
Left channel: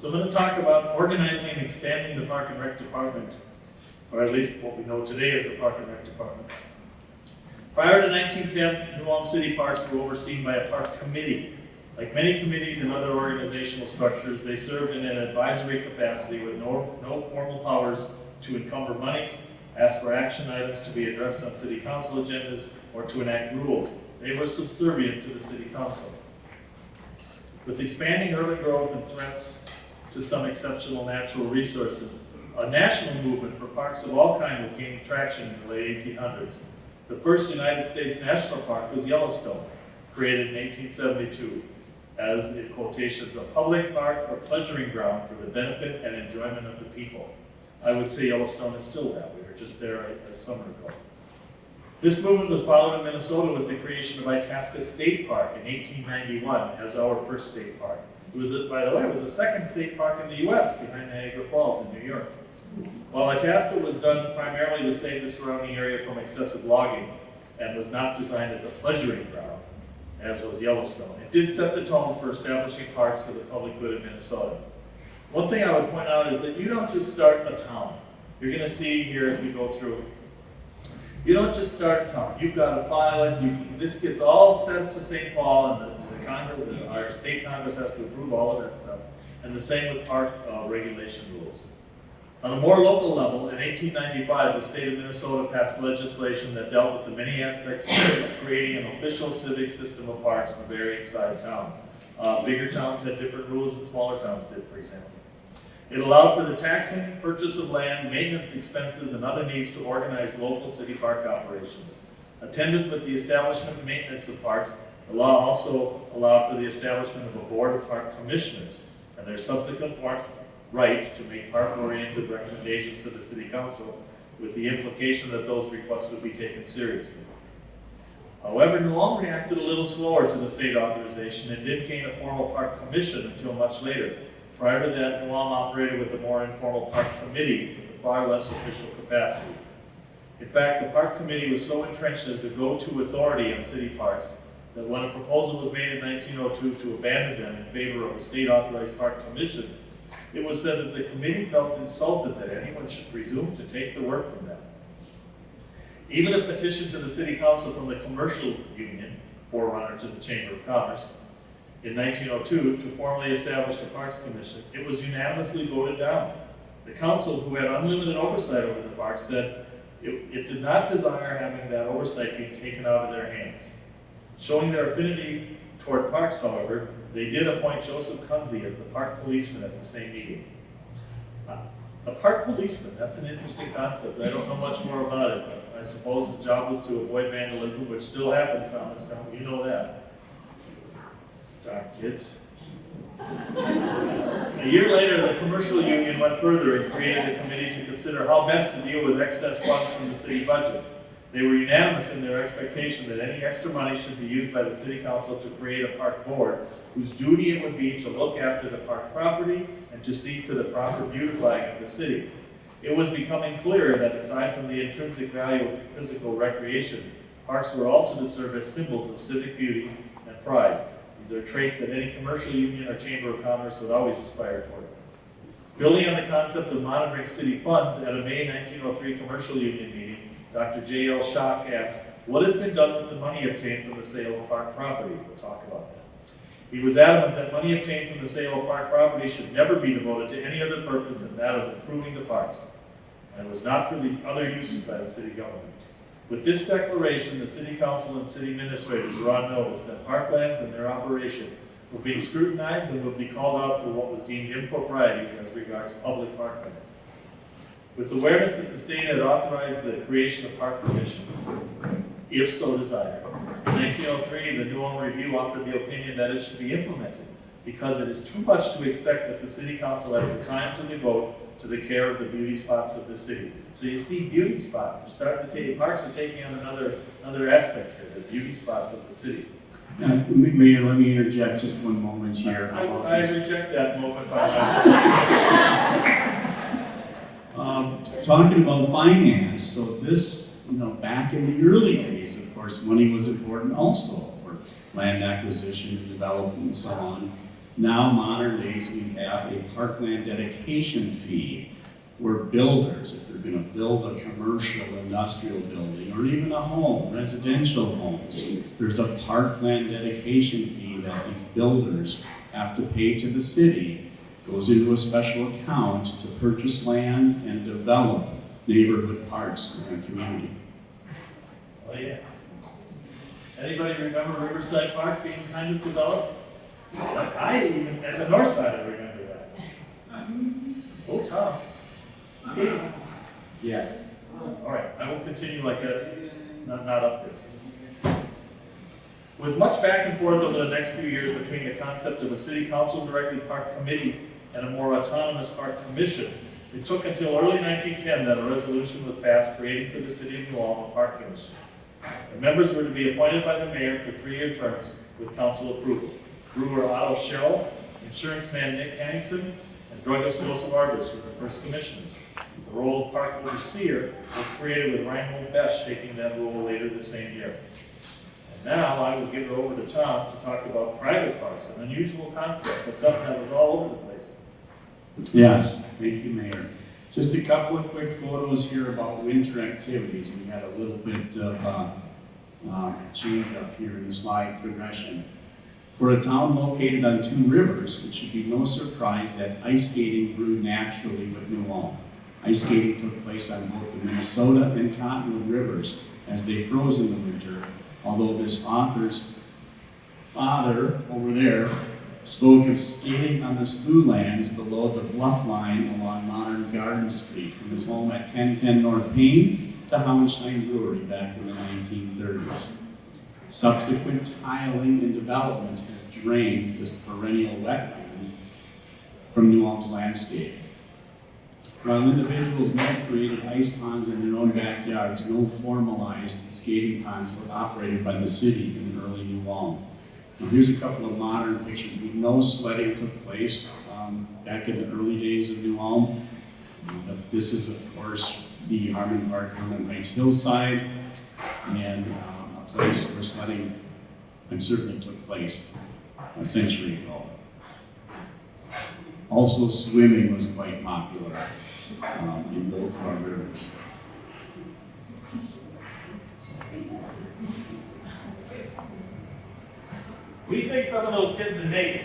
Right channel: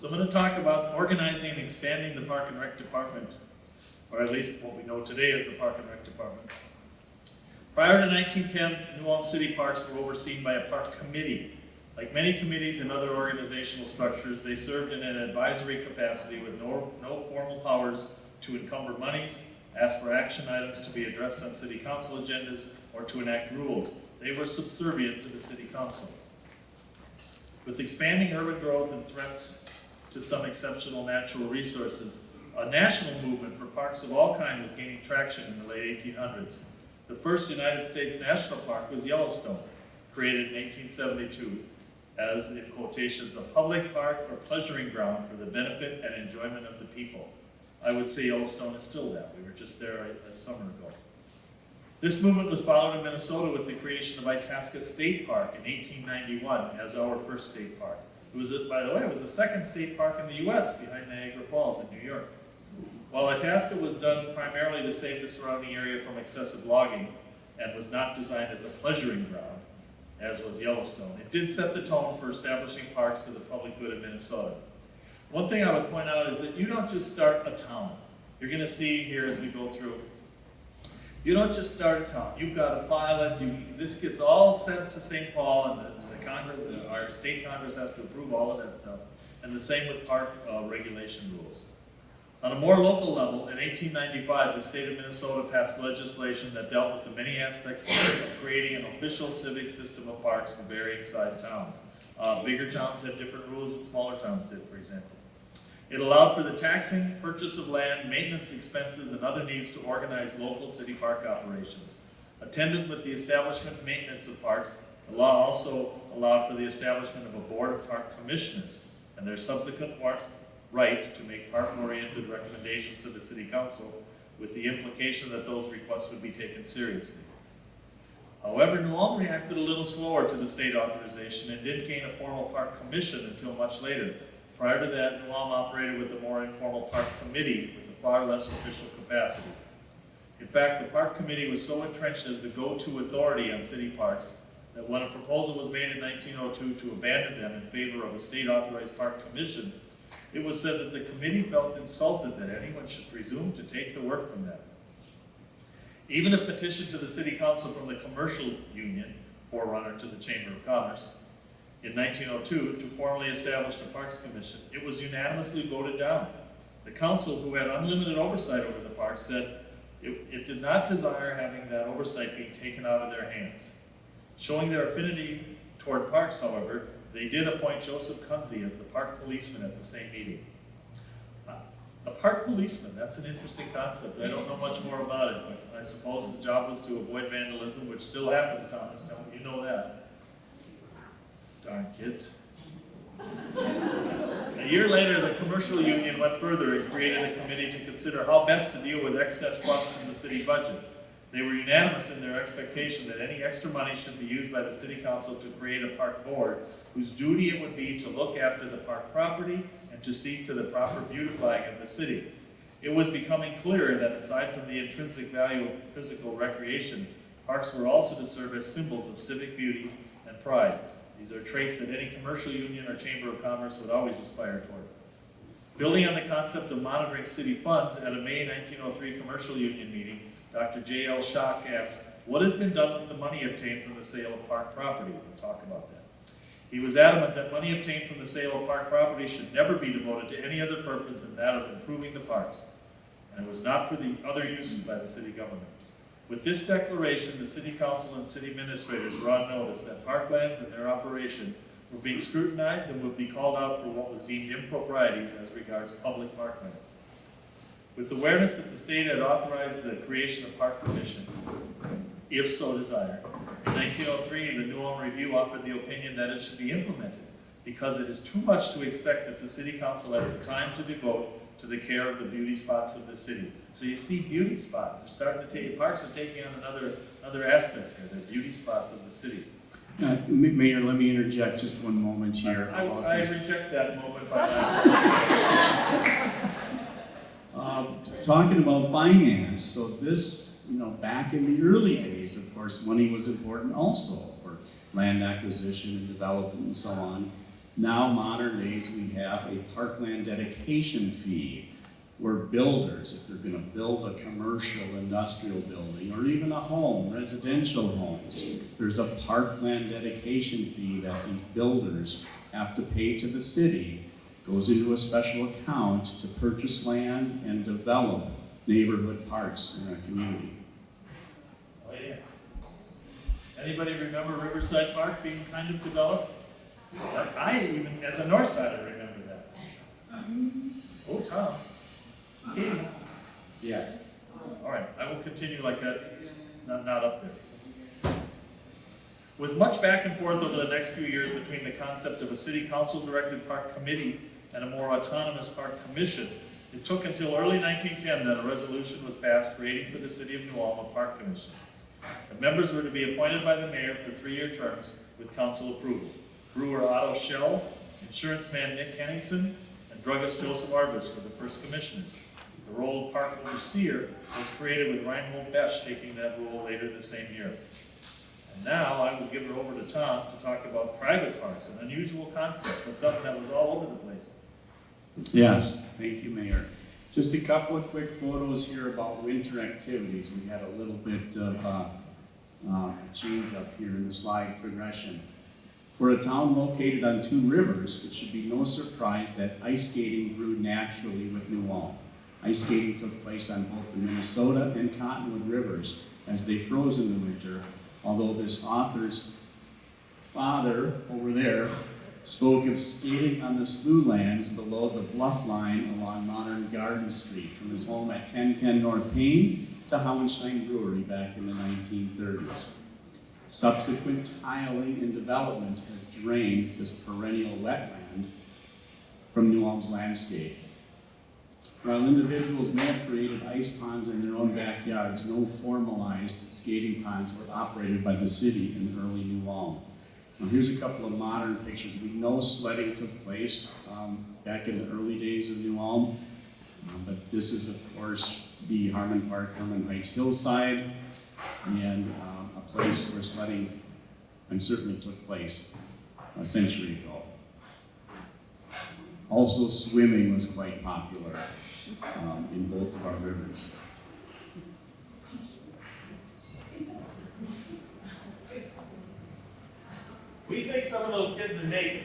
So I'm going to talk about organizing and expanding the Park and Rec Department, or at least what we know today as the Park and Rec Department. Prior to 1910, New Ulm City Parks were overseen by a park committee. Like many committees and other organizational structures, they served in an advisory capacity with no formal powers to to encumber monies, ask for action items to be addressed on city council agendas, or to enact rules. They were subservient to the city council. With expanding urban growth and threats to some exceptional natural resources, a national movement for parks of all kinds was gaining traction in the late 1800s. The first United States national park was Yellowstone, created in 1872 as, in quotations, a public park or pleasuring ground for the benefit and enjoyment of the people. I would say Yellowstone is still that. We were just there a summer ago. This movement was followed in Minnesota with the creation of Itasca State Park in 1891 as our first state park. It was, by the way, it was the second state park in the U.S. behind Niagara Falls in New York. While Itasca was done primarily to save the surrounding area from excessive logging and was not designed as a pleasuring ground, as was Yellowstone, it did set the tone for establishing parks for the public good in Minnesota. One thing I would point out is that you don't just start a town. You're going to see here as we go through, you don't just start a town. You've got to file it. This gets all sent to St. Paul, and the Congress, our state Congress has to approve all of that stuff. And the same with park regulation rules. On a more local level, in 1895, the state of Minnesota passed legislation that dealt with the many aspects of creating an official civic system of parks for varying sized towns. Bigger towns had different rules than smaller towns did, for example. It allowed for the taxing, purchase of land, maintenance expenses, and other needs to organize local city park operations. Attendant with the establishment and maintenance of parks, the law also allowed for the establishment of a board of park commissioners and their subsequent right to make park-oriented recommendations to the city council, with the implication that those requests would be taken seriously. However, New Ulm reacted a little slower to the state authorization and didn't gain a formal park commission until much later. Prior to that, New Ulm operated with a more informal park committee with a far less official capacity. In fact, the park committee was so entrenched as the go-to authority on city parks that when a proposal was made in 1902 to abandon them in favor of a state-authorized park commission, it was said that the committee felt insulted that anyone should presume to take the work from them. Even a petition to the city council from the commercial union, forerunner to the Chamber of Commerce, in 1902 to formally establish the Parks Commission, it was unanimously voted down. The council, who had unlimited oversight over the parks, said it did not desire having that oversight being taken out of their hands. Showing their affinity toward parks, however, they did appoint Joseph Kunze as the park policeman at the same meeting. A park policeman, that's an interesting concept. I don't know much more about it, but I suppose his job was to avoid vandalism, which still happens, Thomas. You know that. Darn kids. A year later, the commercial union went further and created a committee to consider how best to deal with excess funds from the city budget. They were unanimous in their expectation that any extra money should be used by the city council to create a park board whose duty it would be to look after the park property and to see to the proper beautifying of the city. It was becoming clear that aside from the intrinsic value of physical recreation, parks were also to serve as symbols of civic beauty and pride. These are traits that any commercial union or chamber of commerce would always aspire toward. Building on the concept of monitoring city funds, at a May 1903 commercial union meeting, Dr. J.L. Schock asked, what has been done with the money obtained from the sale of park property? We'll talk about that. He was adamant that money obtained from the sale of park property should never be devoted to any other purpose than that of improving the parks, and was not for the other uses by the city government. With this declaration, the city council and city administrators were on notice that parklands and their operation were being scrutinized and would be called out for what was deemed improprieties as regards public parklands. With awareness that the state had authorized the creation of park commissions, if so desired, in 1903, the New Ulm Review offered the opinion that it should be implemented because it is too much to expect that the city council has the time to devote to the care of the beauty spots of the city. So you see beauty spots. They're starting to take, parks are taking on another aspect here, the beauty spots of the city. Mayor, let me interject just one moment here. I reject that moment. Talking about finance, so this, back in the early days, of course, money was important also for land acquisition and development and so on. Now, modern days, we have a parkland dedication fee where builders, if they're going to build a commercial industrial building or even a home, residential homes, there's a parkland dedication fee that these builders have to pay to the city. Goes into a special account to purchase land and develop neighborhood parks in our community. Oh, yeah. Anybody remember Riverside Park being kind of developed? I even, as a north sider, remember that. Oh, Tom. Steve. Yes. All right, I will continue like that, not up there. With much back and forth over the next few years between the concept of a city council-directed park committee and a more autonomous park commission, it took until early 1910 that a resolution was passed creating for the city of New Ulm a park commission. The members were to be appointed by the mayor for 3-year terms with council approval. Brewer Otto Sherrill, insurance man Nick Henningsen, and druggist Joseph Arbus were the first commissioners. The role of park overseer was created with Reinhold Besch taking that role later the same year. And now I will give it over to Tom to talk about private parks, an unusual concept, but something that was all over the place. Yes, thank you, Mayor. Just a couple of quick photos here about winter activities. We had a little bit of change up here in the slide progression. For a town located on 2 rivers, it should be no surprise that ice skating grew naturally with New Ulm. Ice skating took place on both the Minnesota and Cottonwood rivers as they froze in the winter, although this author's father over there spoke of skating on the slough lands below the bluff line along modern Garden Street from his home at 1010 North Payne to Hauenstein Brewery back in the 1930s. Subsequent tiling and development has drained this perennial wetland from New Ulm's landscape. While individuals may have created ice ponds in their own backyards, no formalized skating ponds were operated by the city in early New Ulm. Now, here's a couple of modern pictures. We know sledding took place back in the early days of New Ulm. But this is, of course, the Harmon Park, Harmon Heights hillside, and a place where sledding certainly took place a century ago. Also, swimming was quite popular in both of our rivers. What do you think some of those kids are naked?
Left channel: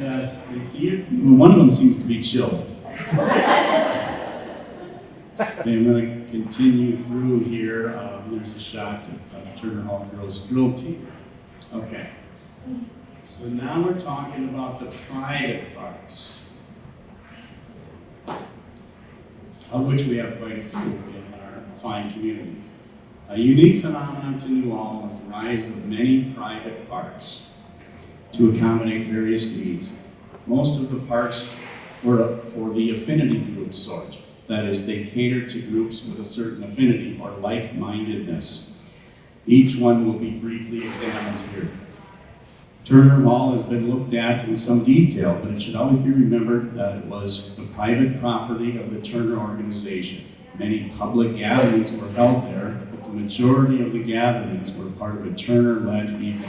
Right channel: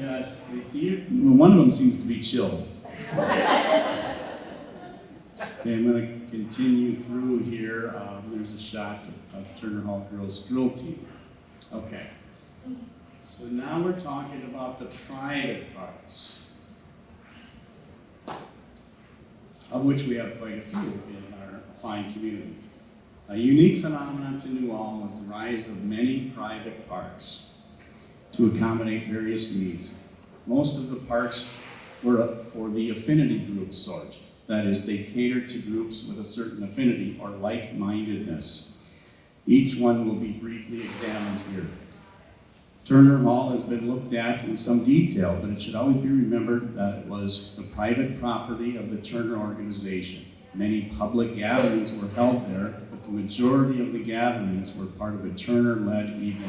Yes, they see it. Well, one of them seems to be chilled. Okay, I'm going to continue through here. There's a shot of Turner Hall Girls Drill Team. Okay, so now we're talking about the private parks, of which we have quite a few in our fine community. A unique phenomenon to New Ulm was the rise of many private parks to accommodate various needs. Most of the parks were for the affinity group sort. That is, they catered to groups with a certain affinity or like-mindedness. Each one will be briefly examined here. Turner Hall has been looked at in some detail, but it should always be remembered that it was the private property of the Turner organization. Many public gatherings were held there, but the majority of the gatherings were part of a Turner-led event.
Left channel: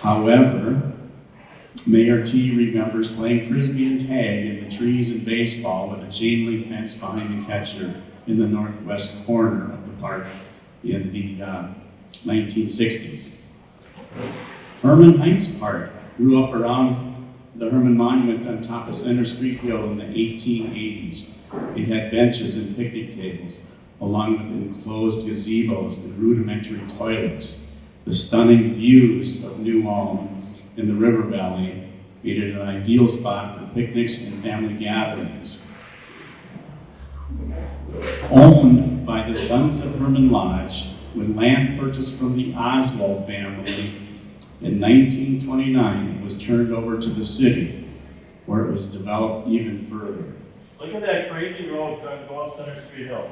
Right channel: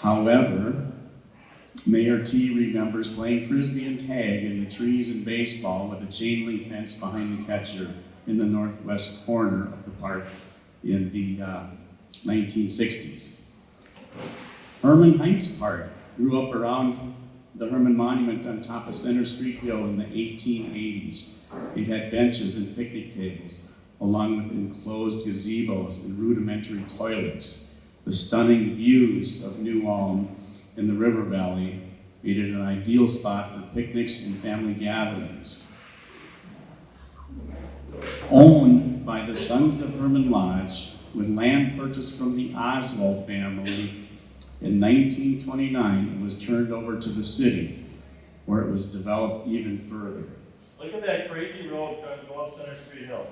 However, Mayor T remembers playing frisbee and tag in the trees and baseball with a chain link fence behind the catcher in the northwest corner of the park in the 1960s. Herman Heights Park grew up around the Herman Monument on top of Center Street Hill in the 1880s. It had benches and picnic tables, along with enclosed gazebos and rudimentary toilets. The stunning views of New Ulm in the river valley made it an ideal spot for picnics and family gatherings. Owned by the Sons of Herman Lodge, with land purchased from the Oswald family in 1929, it was turned over to the city, where it was developed even further. Look at that crazy road going up Center Street Hill.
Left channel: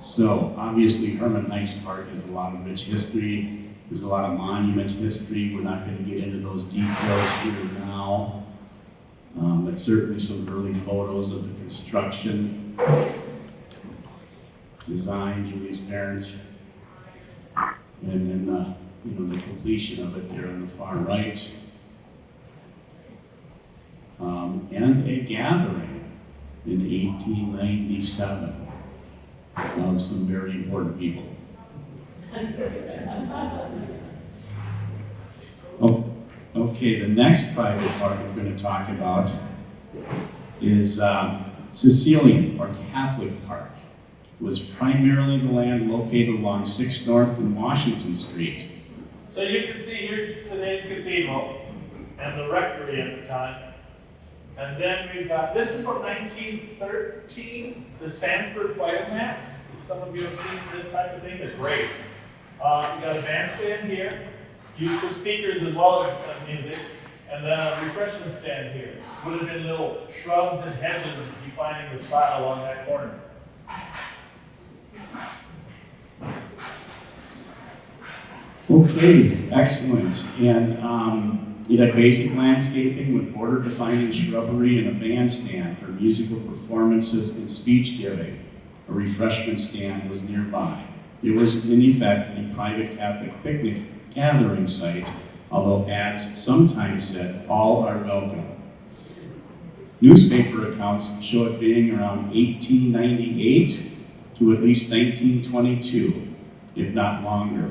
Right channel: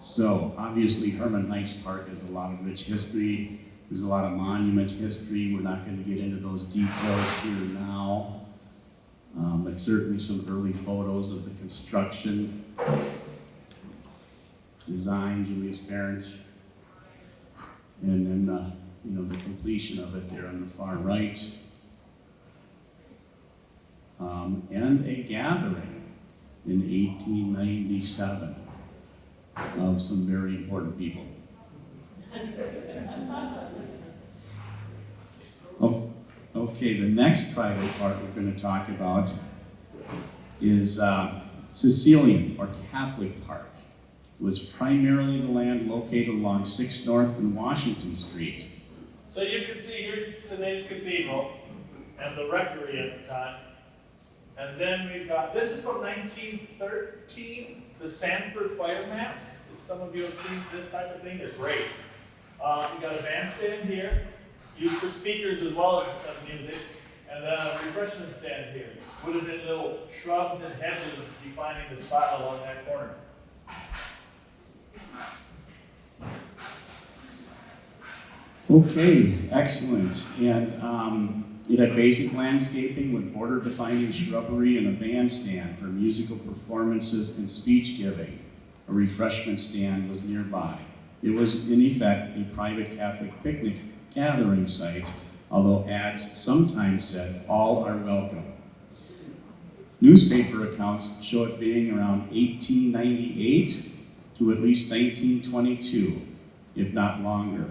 So obviously Herman Heights Park has a lot of rich history. There's a lot of monument history. We're not going to get into those details here now. But certainly some early photos of the construction, design, Julie's parents, and then the completion of it there on the far right. And a gathering in 1897 of some very important people. Okay, the next private park we're going to talk about is Sicilian or Catholic Park. It was primarily the land located along 6th North and Washington Street. So you can see here's today's cathedral and the rectory at the time. And then we've got, this is from 1913, the Sanford fire maps. If some of you have seen this type of thing, they're great. We've got a bandstand here, used for speakers as well as music, and then a refreshment stand here. Would have been little shrubs and hedges defining the spot along that corner. Okay, excellent. And it had basic landscaping with border-defining shrubbery and a bandstand for musical performances and speech giving. A refreshment stand was nearby. It was, in effect, a private Catholic picnic gathering site, although ads sometimes said, "All are welcome." Newspaper accounts show it being around 1898 to at least 1922, if not longer.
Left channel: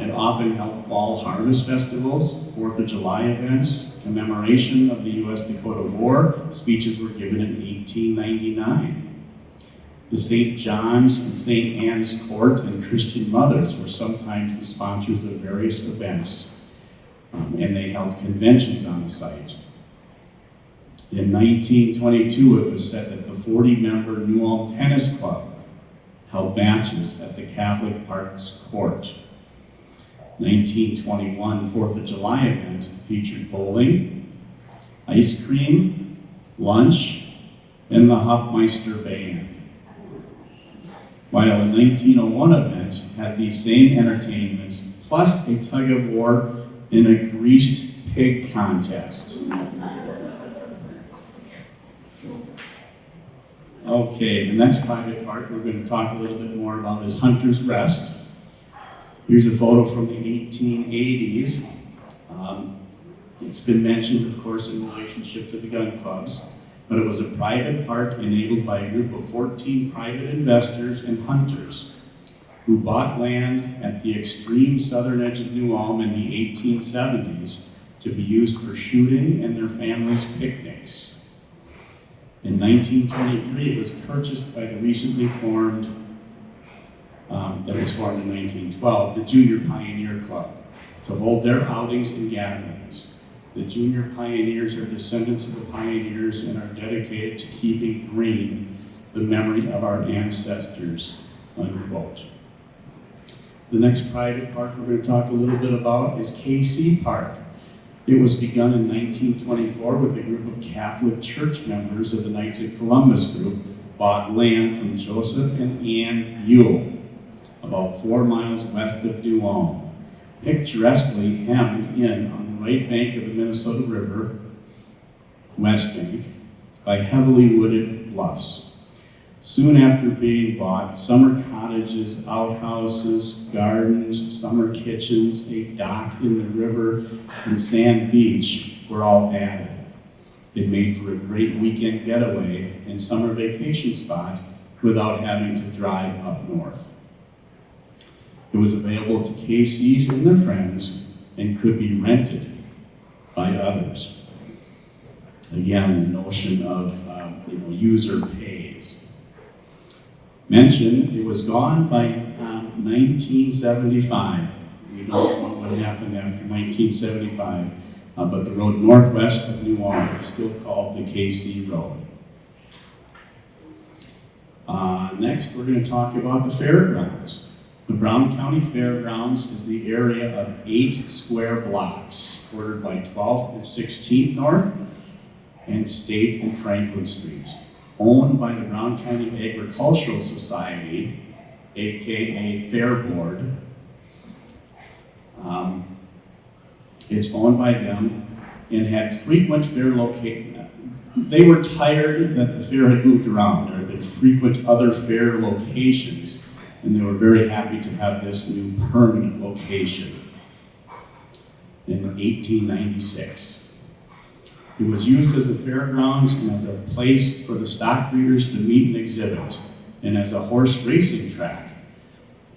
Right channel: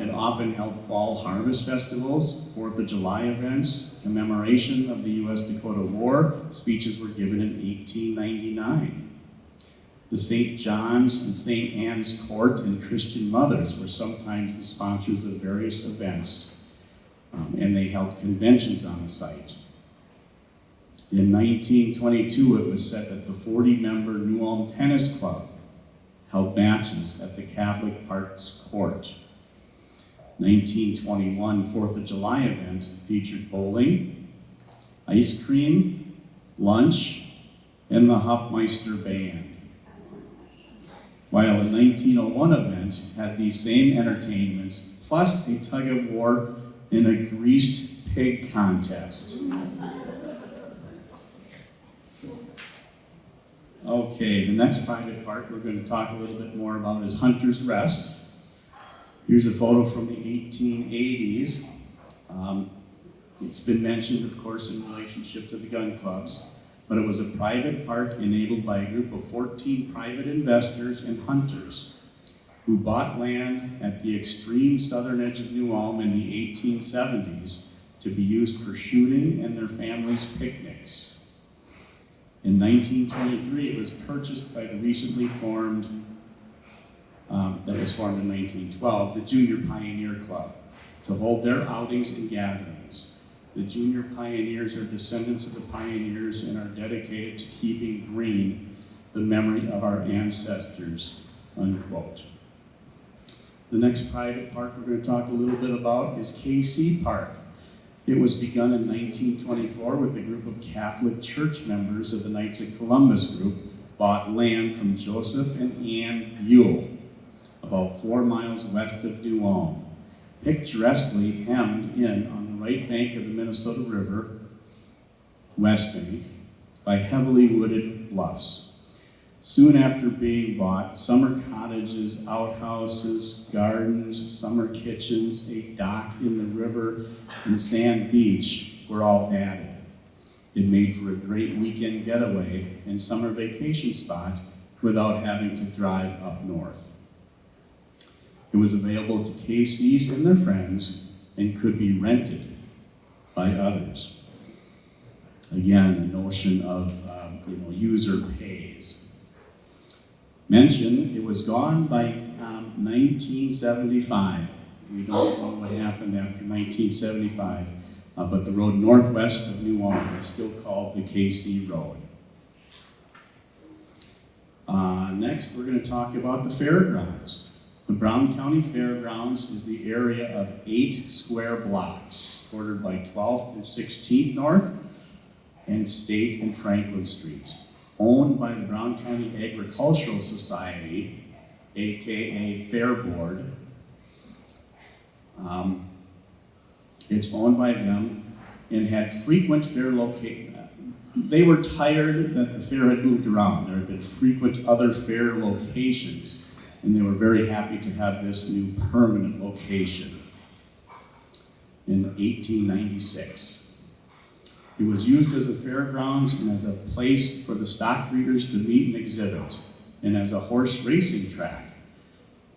It often held fall harvest festivals, 4th of July events, commemoration of the U.S.-Dakota War. Speeches were given in 1899. The St. John's and St. Anne's Court and Christian Mothers were sometimes the sponsors of various events, and they held conventions on the site. In 1922, it was said that the 40-member New Ulm Tennis Club held matches at the Catholic Parks Court. 1921 4th of July event featured bowling, ice cream, lunch, and the Hofmeister Band. While a 1901 event had these same entertainments, plus a tug-of-war and a greased pig contest. Okay, the next private park we're going to talk a little bit more about is Hunter's Rest. Here's a photo from the 1880s. It's been mentioned, of course, in relationship to the gun clubs, but it was a private park enabled by a group of 14 private investors and hunters who bought land at the extreme southern edge of New Ulm in the 1870s to be used for shooting and their families' picnics. In 1923, it was purchased by the recently formed, that was formed in 1912, the Junior Pioneer Club, to hold their outings and gatherings. The Junior Pioneers are descendants of the pioneers and are dedicated to keeping green the memory of our ancestors, unquote. The next private park we're going to talk a little bit about is KC Park. It was begun in 1924 with a group of Catholic church members of the Knights of Columbus group bought land from Joseph and Ann Buell, about 4 miles west of New Ulm, picturesquely hemmed in on the right bank of the Minnesota River, west bank, by heavily wooded bluffs. Soon after being bought, summer cottages, outhouses, gardens, summer kitchens, a dock in the river, and sand beach were all added. It made for a great weekend getaway and summer vacation spot without having to drive up north. It was available to KCs and their friends and could be rented by others. Again, the notion of user pays. Mentioned, it was gone by 1975. We don't know what happened after 1975, but the road northwest of New Ulm is still called the KC Road. Next, we're going to talk about the fairgrounds. The Brown County Fairgrounds is the area of 8 square blocks, bordered by 12th and 16th North and State and Franklin Streets, owned by the Brown County Agricultural Society, aka Fair Board. It's owned by them and had frequent fair locations. They were tired that the fair had moved around. There had been frequent other fair locations, and they were very happy to have this new permanent location in 1896. It was used as a fairgrounds and as a place for the stock breeders to meet and exhibit, and as a horse racing track.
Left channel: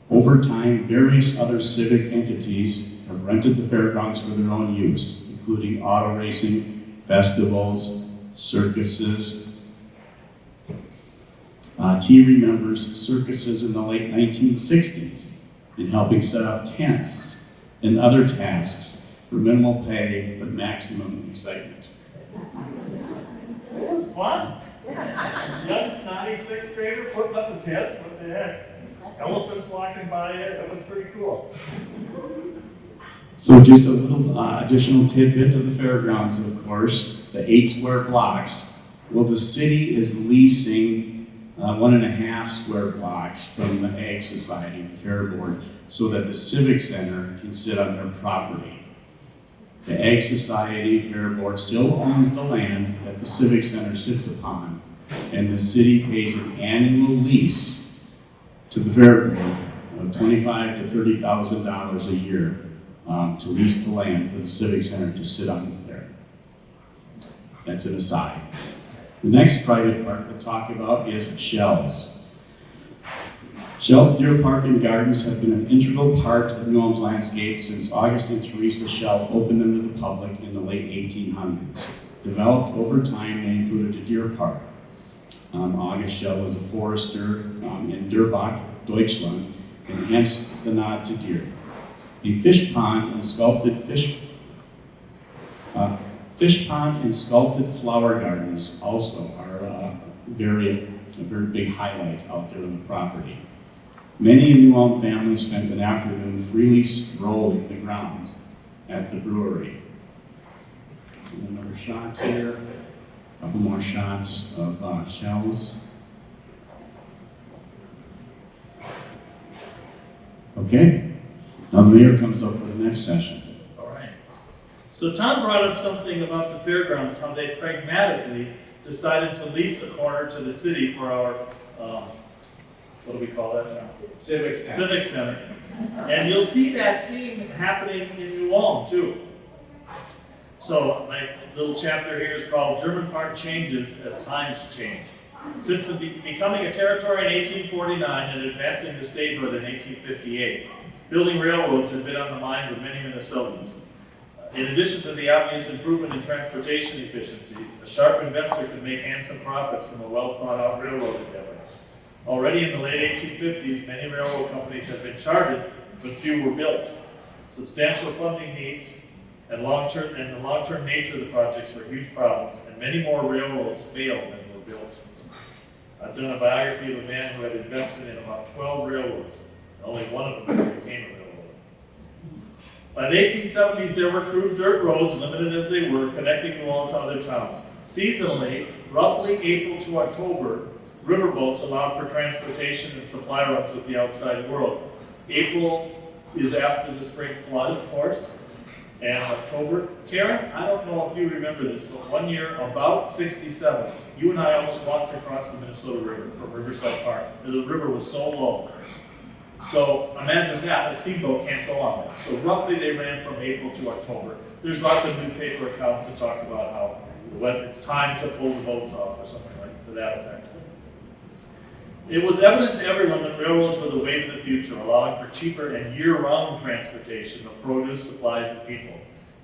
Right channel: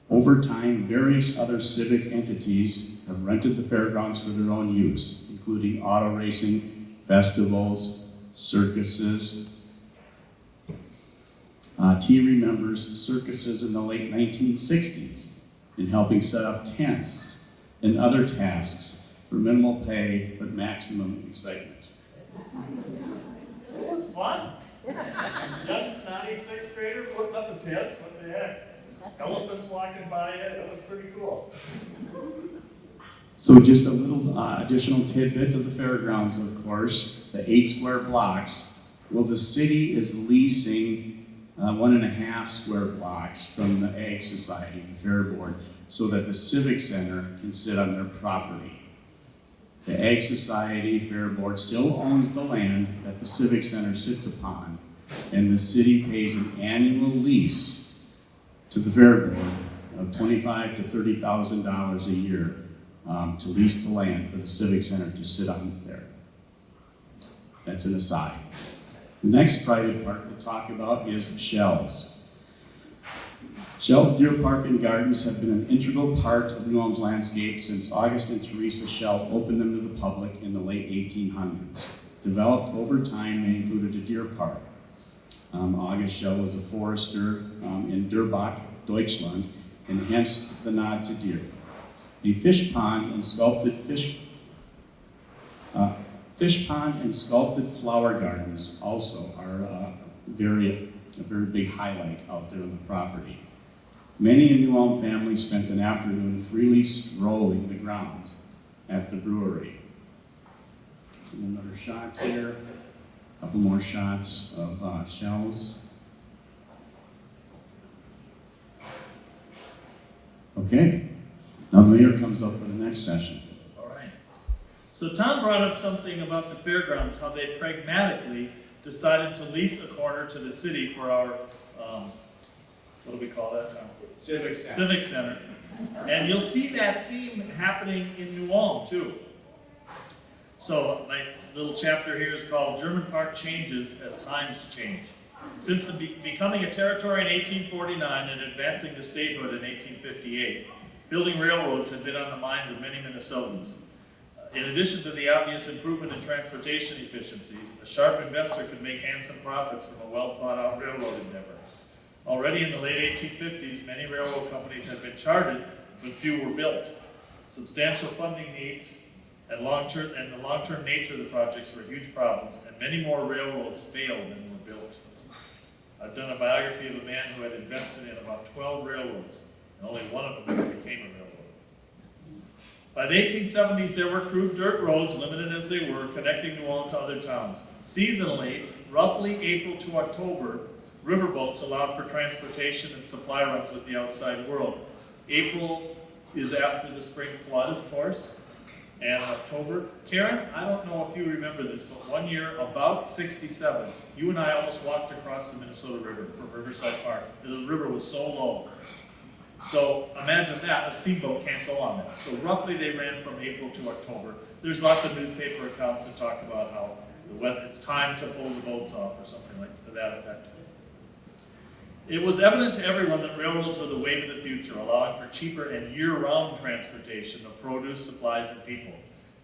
Over time, various other civic entities have rented the fairgrounds for their own use, including auto racing, festivals, circuses. T remembers circuses in the late 1960s and helping set up tents and other tasks for minimal pay but maximum excitement. It was fun. Young, snotty sixth grader putting up a tent. What the heck? Elephants walking by it. That was pretty cool. So just a little additional tidbit to the fairgrounds, of course, the 8 square blocks. Well, the city is leasing 1.5 square blocks from the Ag Society, the Fair Board, so that the Civic Center can sit on their property. The Ag Society Fair Board still owns the land that the Civic Center sits upon, and the city pays an annual lease to the Fair Board of $25,000 to $30,000 a year to lease the land for the Civic Center to sit on there. That's an aside. The next private park we'll talk about is Shell's. Shell's Deer Park and Gardens have been an integral part of New Ulm's landscape since August and Teresa Shell opened them to the public in the late 1800s. Developed over time, they included a deer park. August Shell was a forester in Durbach, Deutschland, and hence the nod to deer. A fish pond and sculpted flower gardens also are a very big highlight out there on the property. Many New Ulm families spent an afternoon freely strolling the grounds at the brewery. Another shot here, a couple more shots of Shells. Okay, now the mayor comes up for the next session. All right. So Tom brought up something about the fairgrounds, how they pragmatically decided to lease a corner to the city for our, what do we call that now? Civic Center. Civic Center. And you'll see that theme happening in New Ulm too. So my little chapter here is called German Park Changes as Times Change. Since becoming a territory in 1849 and advancing to statehood in 1858, building railroads had been on the mind of many Minnesotans. In addition to the obvious improvement in transportation efficiencies, a sharp investor could make handsome profits from a well-thought-out railroad endeavor. Already in the late 1850s, many railroad companies had been chartered, but few were built. Substantial funding needs and the long-term nature of the projects were huge problems, and many more railroads failed than were built. I've done a biography of a man who had invested in about 12 railroads, and only one of them ever became a railroad. By the 1870s, there were crude dirt roads, limited as they were, connecting New Ulm to other towns. Seasonally, roughly April to October, riverboats allowed for transportation and supply routes with the outside world. April is after the spring flood, of course, and October. Karen, I don't know if you remember this, but one year, about 67, you and I almost walked across the Minnesota River from Riverside Park. The river was so low. So imagine that, a steamboat can't go on that. So roughly they ran from April to October. There's lots of newspaper accounts that talk about how when it's time to pull the boats off or something like to that effect. It was evident to everyone that railroads were the way to the future, allowing for cheaper and year-round transportation of produce, supplies, and people.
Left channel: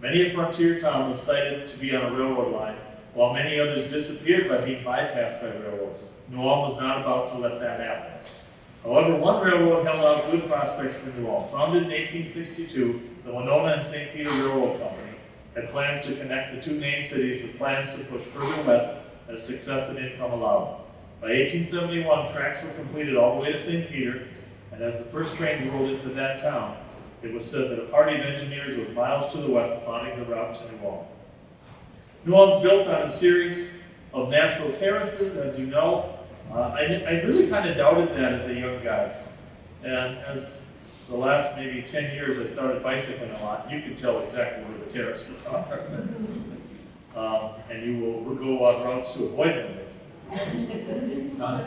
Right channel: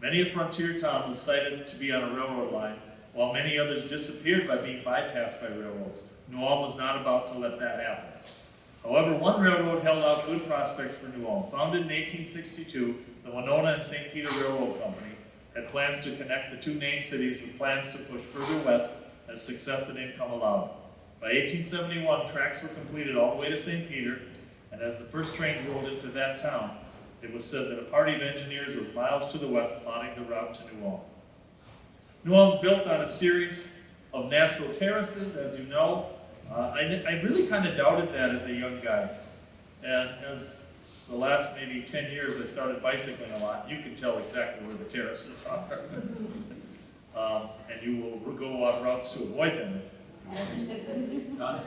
Many a frontier town was cited to be on a railroad line, while many others disappeared by being bypassed by railroads. New Ulm was not about to let that happen. However, one railroad held out good prospects for New Ulm. Founded in 1862, the Winona and St. Peter Railroad Company had plans to connect the two named cities with plans to push further west as success and income allowed. By 1871, tracks were completed all the way to St. Peter, and as the first trains rolled into that town, it was said that a party of engineers was miles to the west plotting the route to New Ulm. New Ulm's built on a series of natural terraces, as you know. I really kind of doubted that as a young guy. And as the last maybe 10 years I started bicycling a lot, you can tell exactly where the terraces are. And you will go on routes to avoid them.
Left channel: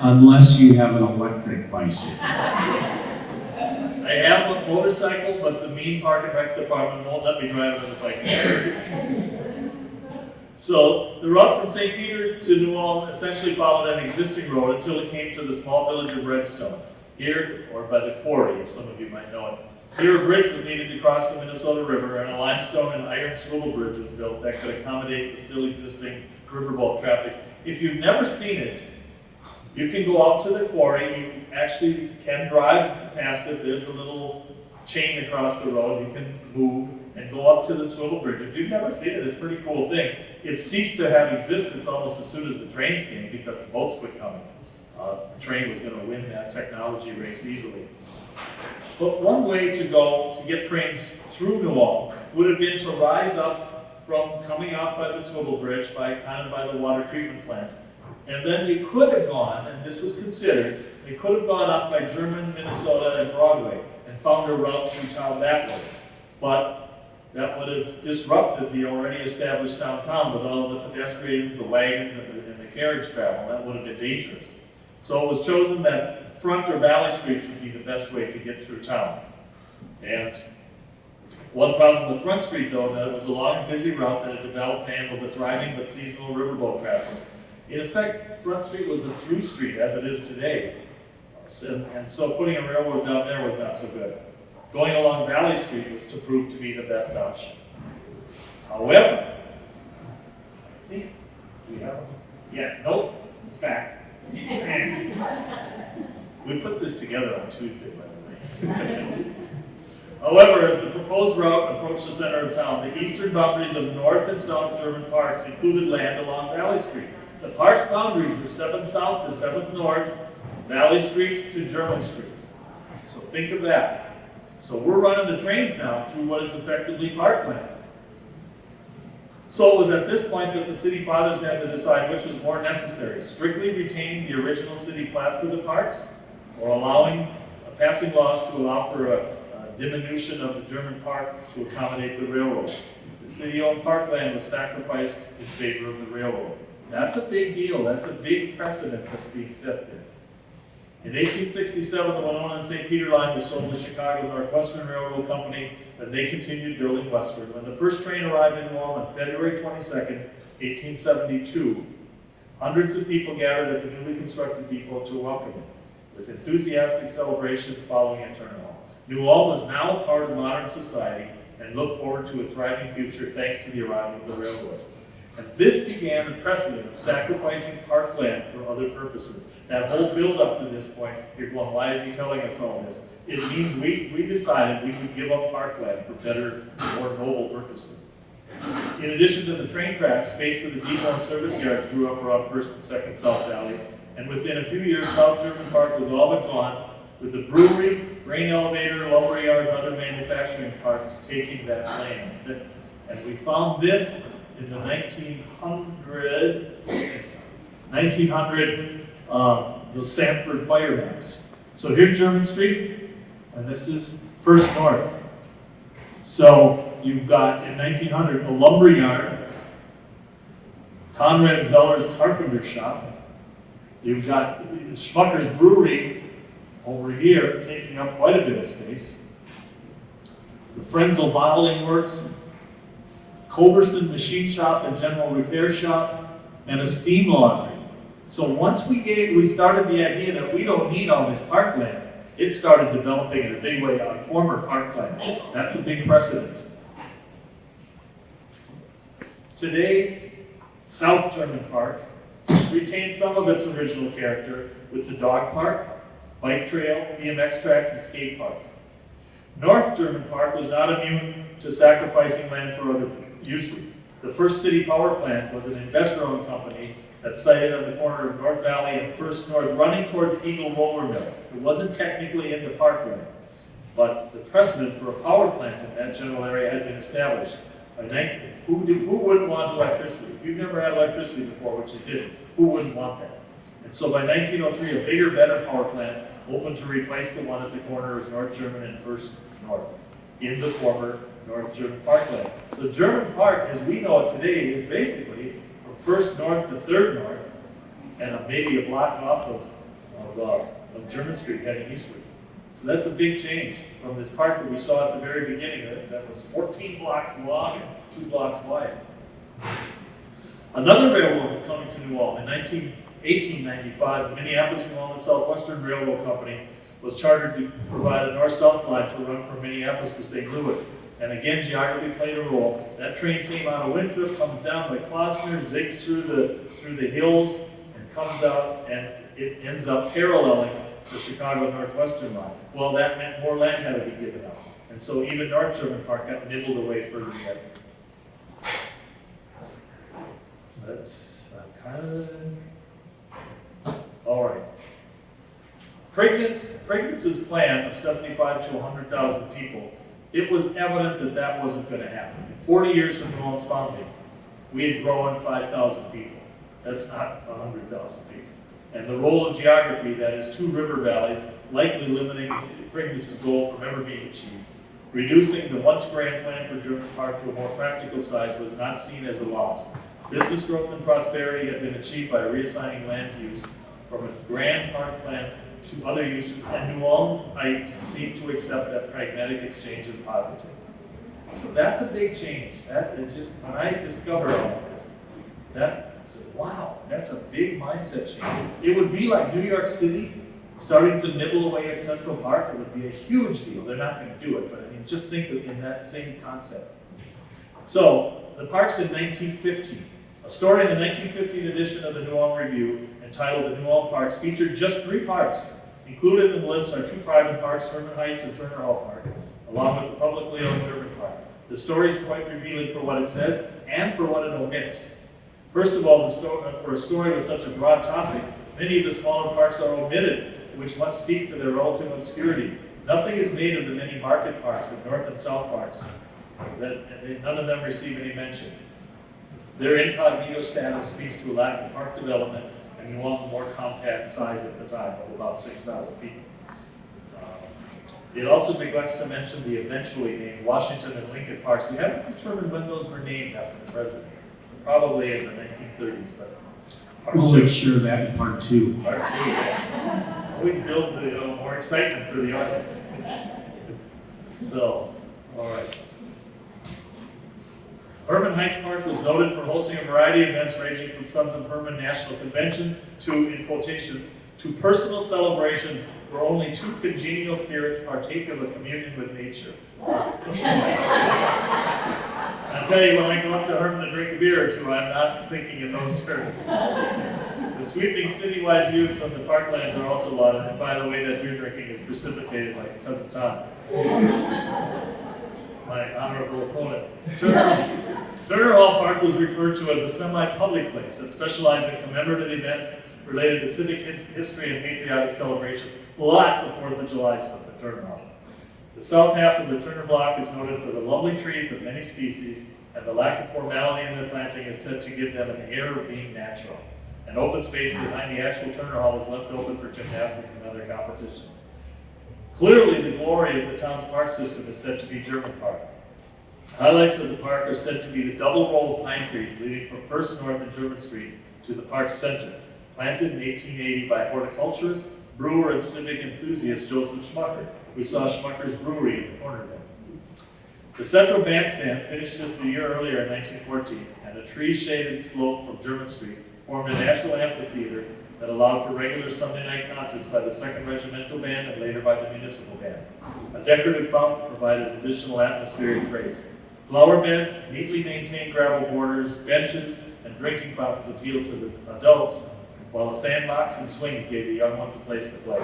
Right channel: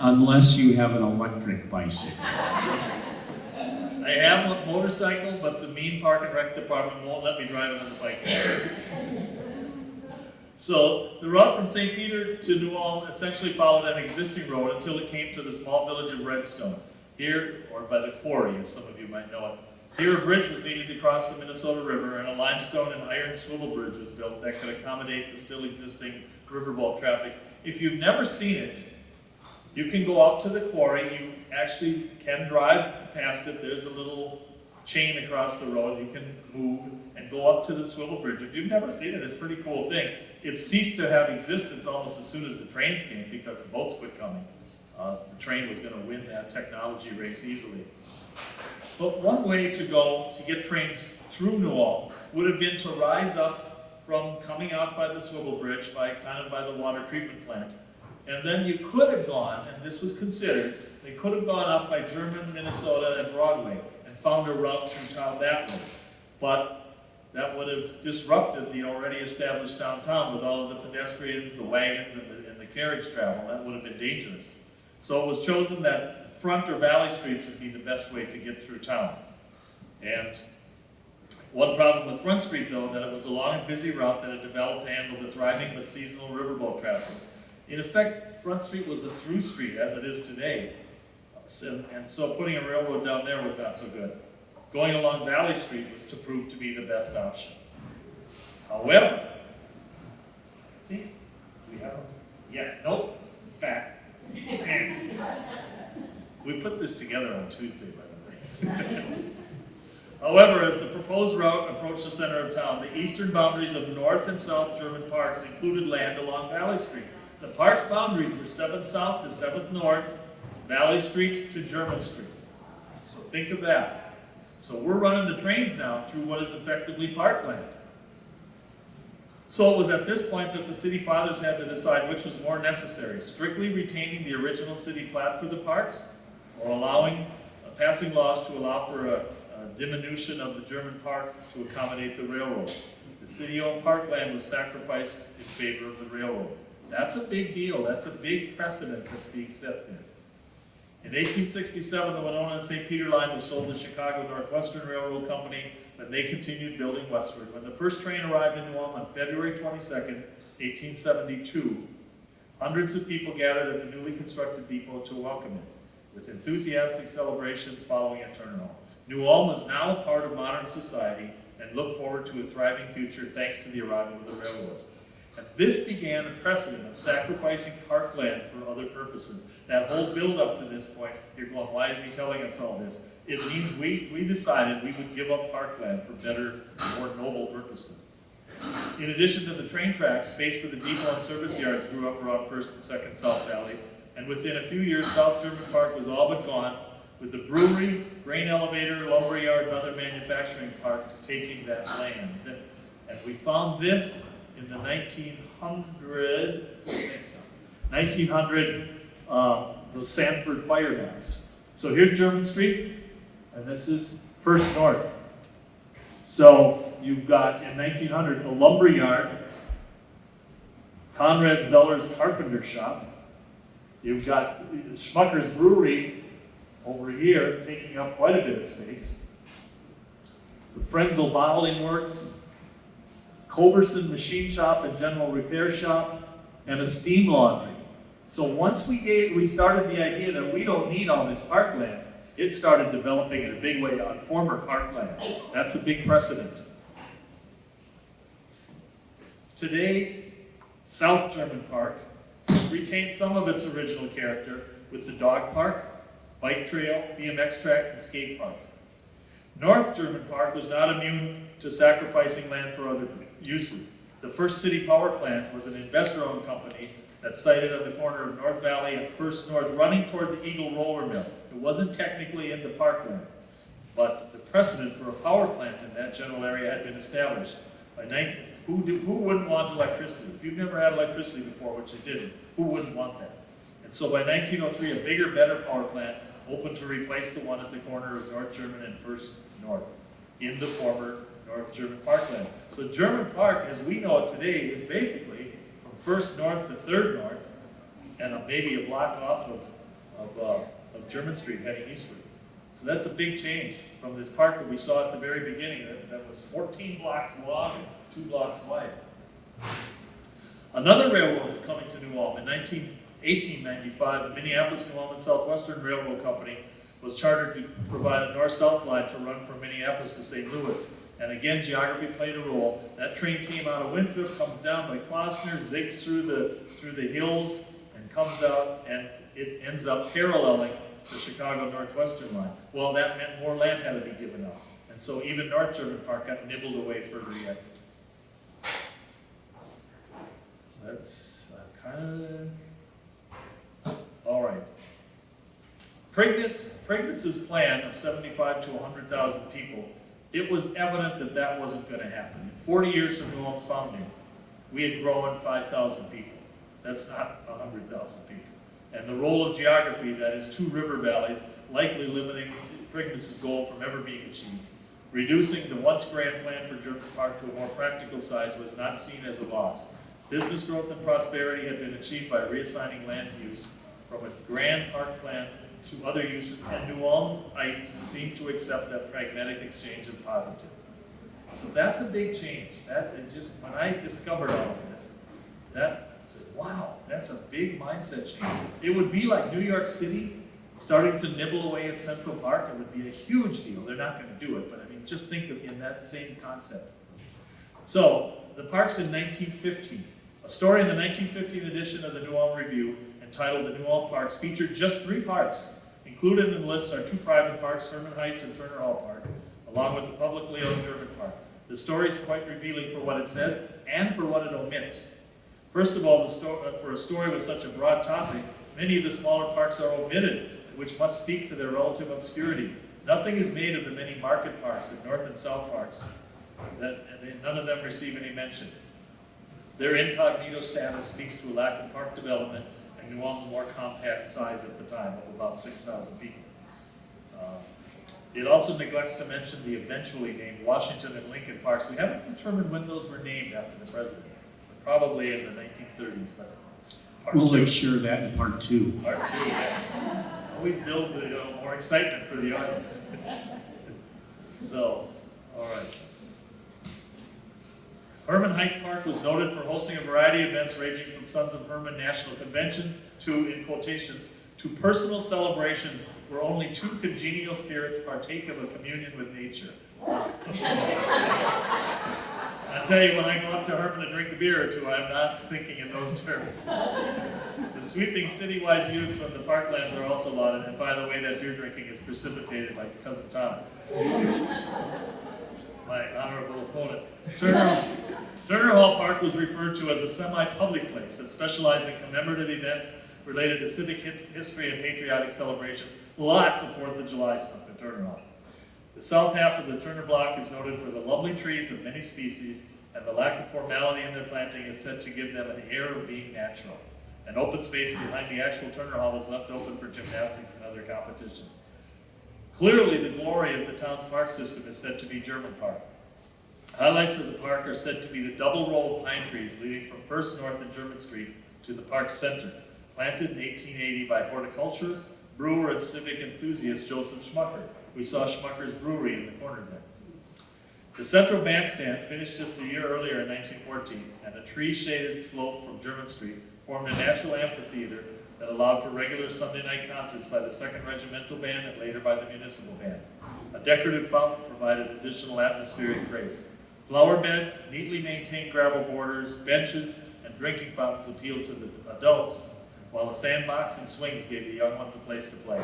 Unless you have an electric bicycle. I have a motorcycle, but the mean park and rec department won't let me drive it on the bike. So the route from St. Peter to New Ulm essentially followed an existing road until it came to the small village of Redstone. Here, or by the quarry, as some of you might know it. Here, a bridge was needed to cross the Minnesota River, and a limestone and iron swivel bridge was built that could accommodate the still existing riverboat traffic. If you've never seen it, you can go out to the quarry. You actually can drive past it. There's a little chain across the road. You can move and go up to the swivel bridge. If you've never seen it, it's a pretty cool thing. It ceased to have existence almost as soon as the trains came because the boats quit coming. The train was going to win that technology race easily. But one way to get trains through New Ulm would have been to rise up from coming out by the swivel bridge by the water treatment plant. And then you could have gone, and this was considered, you could have gone up by German, Minnesota, and Broadway and found a route through town that way. But that would have disrupted the already established downtown with all of the pedestrians, the wagons, and the carriage travel. That would have been dangerous. So it was chosen that Front or Valley Streets would be the best way to get through town. And one problem with Front Street, though, that it was a long and busy route that had developed to handle the thriving but seasonal riverboat traffic. In effect, Front Street was a through street, as it is today. And so putting a railroad down there was not so good. Going along Valley Street was to prove to be the best option. However, see, we have, nope, it's back. We put this together on Tuesday, by the way. However, as the proposed route approached the center of town, the eastern boundaries of North and South German parks included land along Valley Street. The park's boundaries were 7th South to 7th North, Valley Street to German Street. So think of that. So we're running the trains now through what is effectively parkland. So it was at this point that the city fathers had to decide which was more necessary, strictly retaining the original city plat for the parks, or passing laws to allow for a diminution of the German park to accommodate the railroad. The city-owned parkland was sacrificed in favor of the railroad. That's a big deal. That's a big precedent that's being set there. In 1867, the Winona and St. Peter line was sold to Chicago Northwestern Railroad Company, and they continued building westward. When the first train arrived in New Ulm on February 22nd, 1872, hundreds of people gathered at the newly constructed depot to welcome it, with enthusiastic celebrations following a turnout. New Ulm was now a part of modern society and looked forward to a thriving future thanks to the arrival of the railroad. And this began the precedent of sacrificing parkland for other purposes. That whole build-up to this point, you're going, why is he telling us all this? It means we decided we would give up parkland for better, more noble purposes. In addition to the train tracks, space for the depot and service yards grew up around 1st and 2nd South Valley, and within a few years, South German Park was all but gone, with the brewery, grain elevator, lumber yard, and other manufacturing parks taking that land. And we found this in the 1900, the Sanford fire maps. So here's German Street, and this is First North. So you've got, in 1900, a lumber yard, Conrad Zeller's carpenter shop. You've got Schmucker's brewery over here, taking up quite a bit of space. The Frenzel bottling works, Culberson machine shop and general repair shop, and a steam laundry. So once we started the idea that we don't need all this parkland, it started developing in a big way on former parkland. That's a big precedent. Today, South German Park retains some of its original character with the dog park, bike trail, BMX tracks, and skate park. North German Park was not immune to sacrificing land for other uses. The first city power plant was an investor-owned company that's sited on the corner of North Valley and First North, running toward the Eagle Roller Mill. It wasn't technically in the parkland, but the precedent for a power plant in that general area had been established. Who wouldn't want electricity? If you've never had electricity before, which you didn't, who wouldn't want that? And so by 1903, a bigger, better power plant opened to replace the one at the corner of North German and First North in the former North German parkland. So German Park, as we know it today, is basically from First North to Third North, and maybe a block off of German Street heading eastward. So that's a big change from this park that we saw at the very beginning that was 14 blocks long and 2 blocks wide. Another railroad was coming to New Ulm. In 1895, the Minneapolis, New Ulm, and Southwestern Railroad Company was chartered to provide a north-south line to run from Minneapolis to St. Louis. And again, geography played a role. That train came out of Winthrop, comes down by Klossner, zigs through the hills, and comes out, and it ends up paralleling the Chicago Northwestern line. Well, that meant more land had to be given up. And so even North German Park got nibbled away further yet. That's kind of... All right. Prignitz' plan of 75 to 100,000 people, it was evident that that wasn't going to happen. 40 years from New Ulm's founding, we had grown 5,000 people. That's not 100,000 people. And the role of geography, that is 2 river valleys, likely limiting Prignitz' goal from ever being achieved. Reducing the once grand plan for German Park to a more practical size was not seen as a loss. Business growth and prosperity had been achieved by reassigning land use from a grand park plan to other uses, and New Ulmites seemed to accept that pragmatic exchange as positive. So that's a big change. When I discovered all of this, wow, that's a big mindset change. It would be like New York City starting to nibble away at Central Park. It would be a huge deal. They're not going to do it, but I mean, just think of in that same concept. So, the parks in 1915. A story in the 1915 edition of the New Ulm Review entitled The New Ulm Parks featured just 3 parks. Included in the list are 2 private parks, Herman Heights and Turner Hall Park, along with the publicly owned German Park. The story is quite revealing for what it says and for what it omits. First of all, for a story with such a broad topic, many of the smaller parks are omitted, which must speak to their relative obscurity. Nothing is made of the many market parks and north and south parks. None of them receive any mention. Their incognito status speaks to a lack of park development and New Ulm's more compact size at the time of about 6,000 people. It also neglects to mention the eventually named Washington and Lincoln Parks. We haven't determined when those were named after the presidents. Probably in the 1930s, but part We'll 2. make sure that in part 2. Part 2, yeah. Always build more excitement for the audience. So, all right. Herman Heights Park was noted for hosting a variety of events ranging from Sons of Herman national conventions to, in quotations, to personal celebrations where only 2 congenial spirits partake of a communion with nature. I'll tell you, when I go up to Herman to drink a beer or 2, I'm not thinking in those terms. The sweeping citywide views from the parklands are also lauded, and by the way, that beer drinking is precipitated by Cousin Tom, my honorable opponent. Turner Hall Park was referred to as a semi-public place that specialized in commemorative events related to civic history and patriotic celebrations. Lots of 4th of July stuff in Turner Hall. The south half of the Turner block is noted for the lovely trees of many species, and the lack of formality in their planting is said to give them an air of being natural. An open space behind the actual Turner Hall is left open for gymnastics and other competitions. Clearly, the glory of the town's park system is said to be German Park. Highlights of the park are said to be the double row of pine trees leading from First North and German Street to the park's center, planted in 1880 by horticulturist, brewer, and civic enthusiast Joseph Schmucker. We saw Schmucker's Brewery in the corner there. The central bandstand, finished just a year earlier in 1914, and a tree-shaded slope from German Street formed a natural amphitheater that allowed for regular Sunday night concerts by the 2nd Regimental Band and later by the Municipal Band. A decorative fountain provided additional atmospheric grace. Flower beds, neatly maintained gravel borders, benches, and drinking fountains appealed to the adults, while a sandbox and swings gave the young ones a place to play.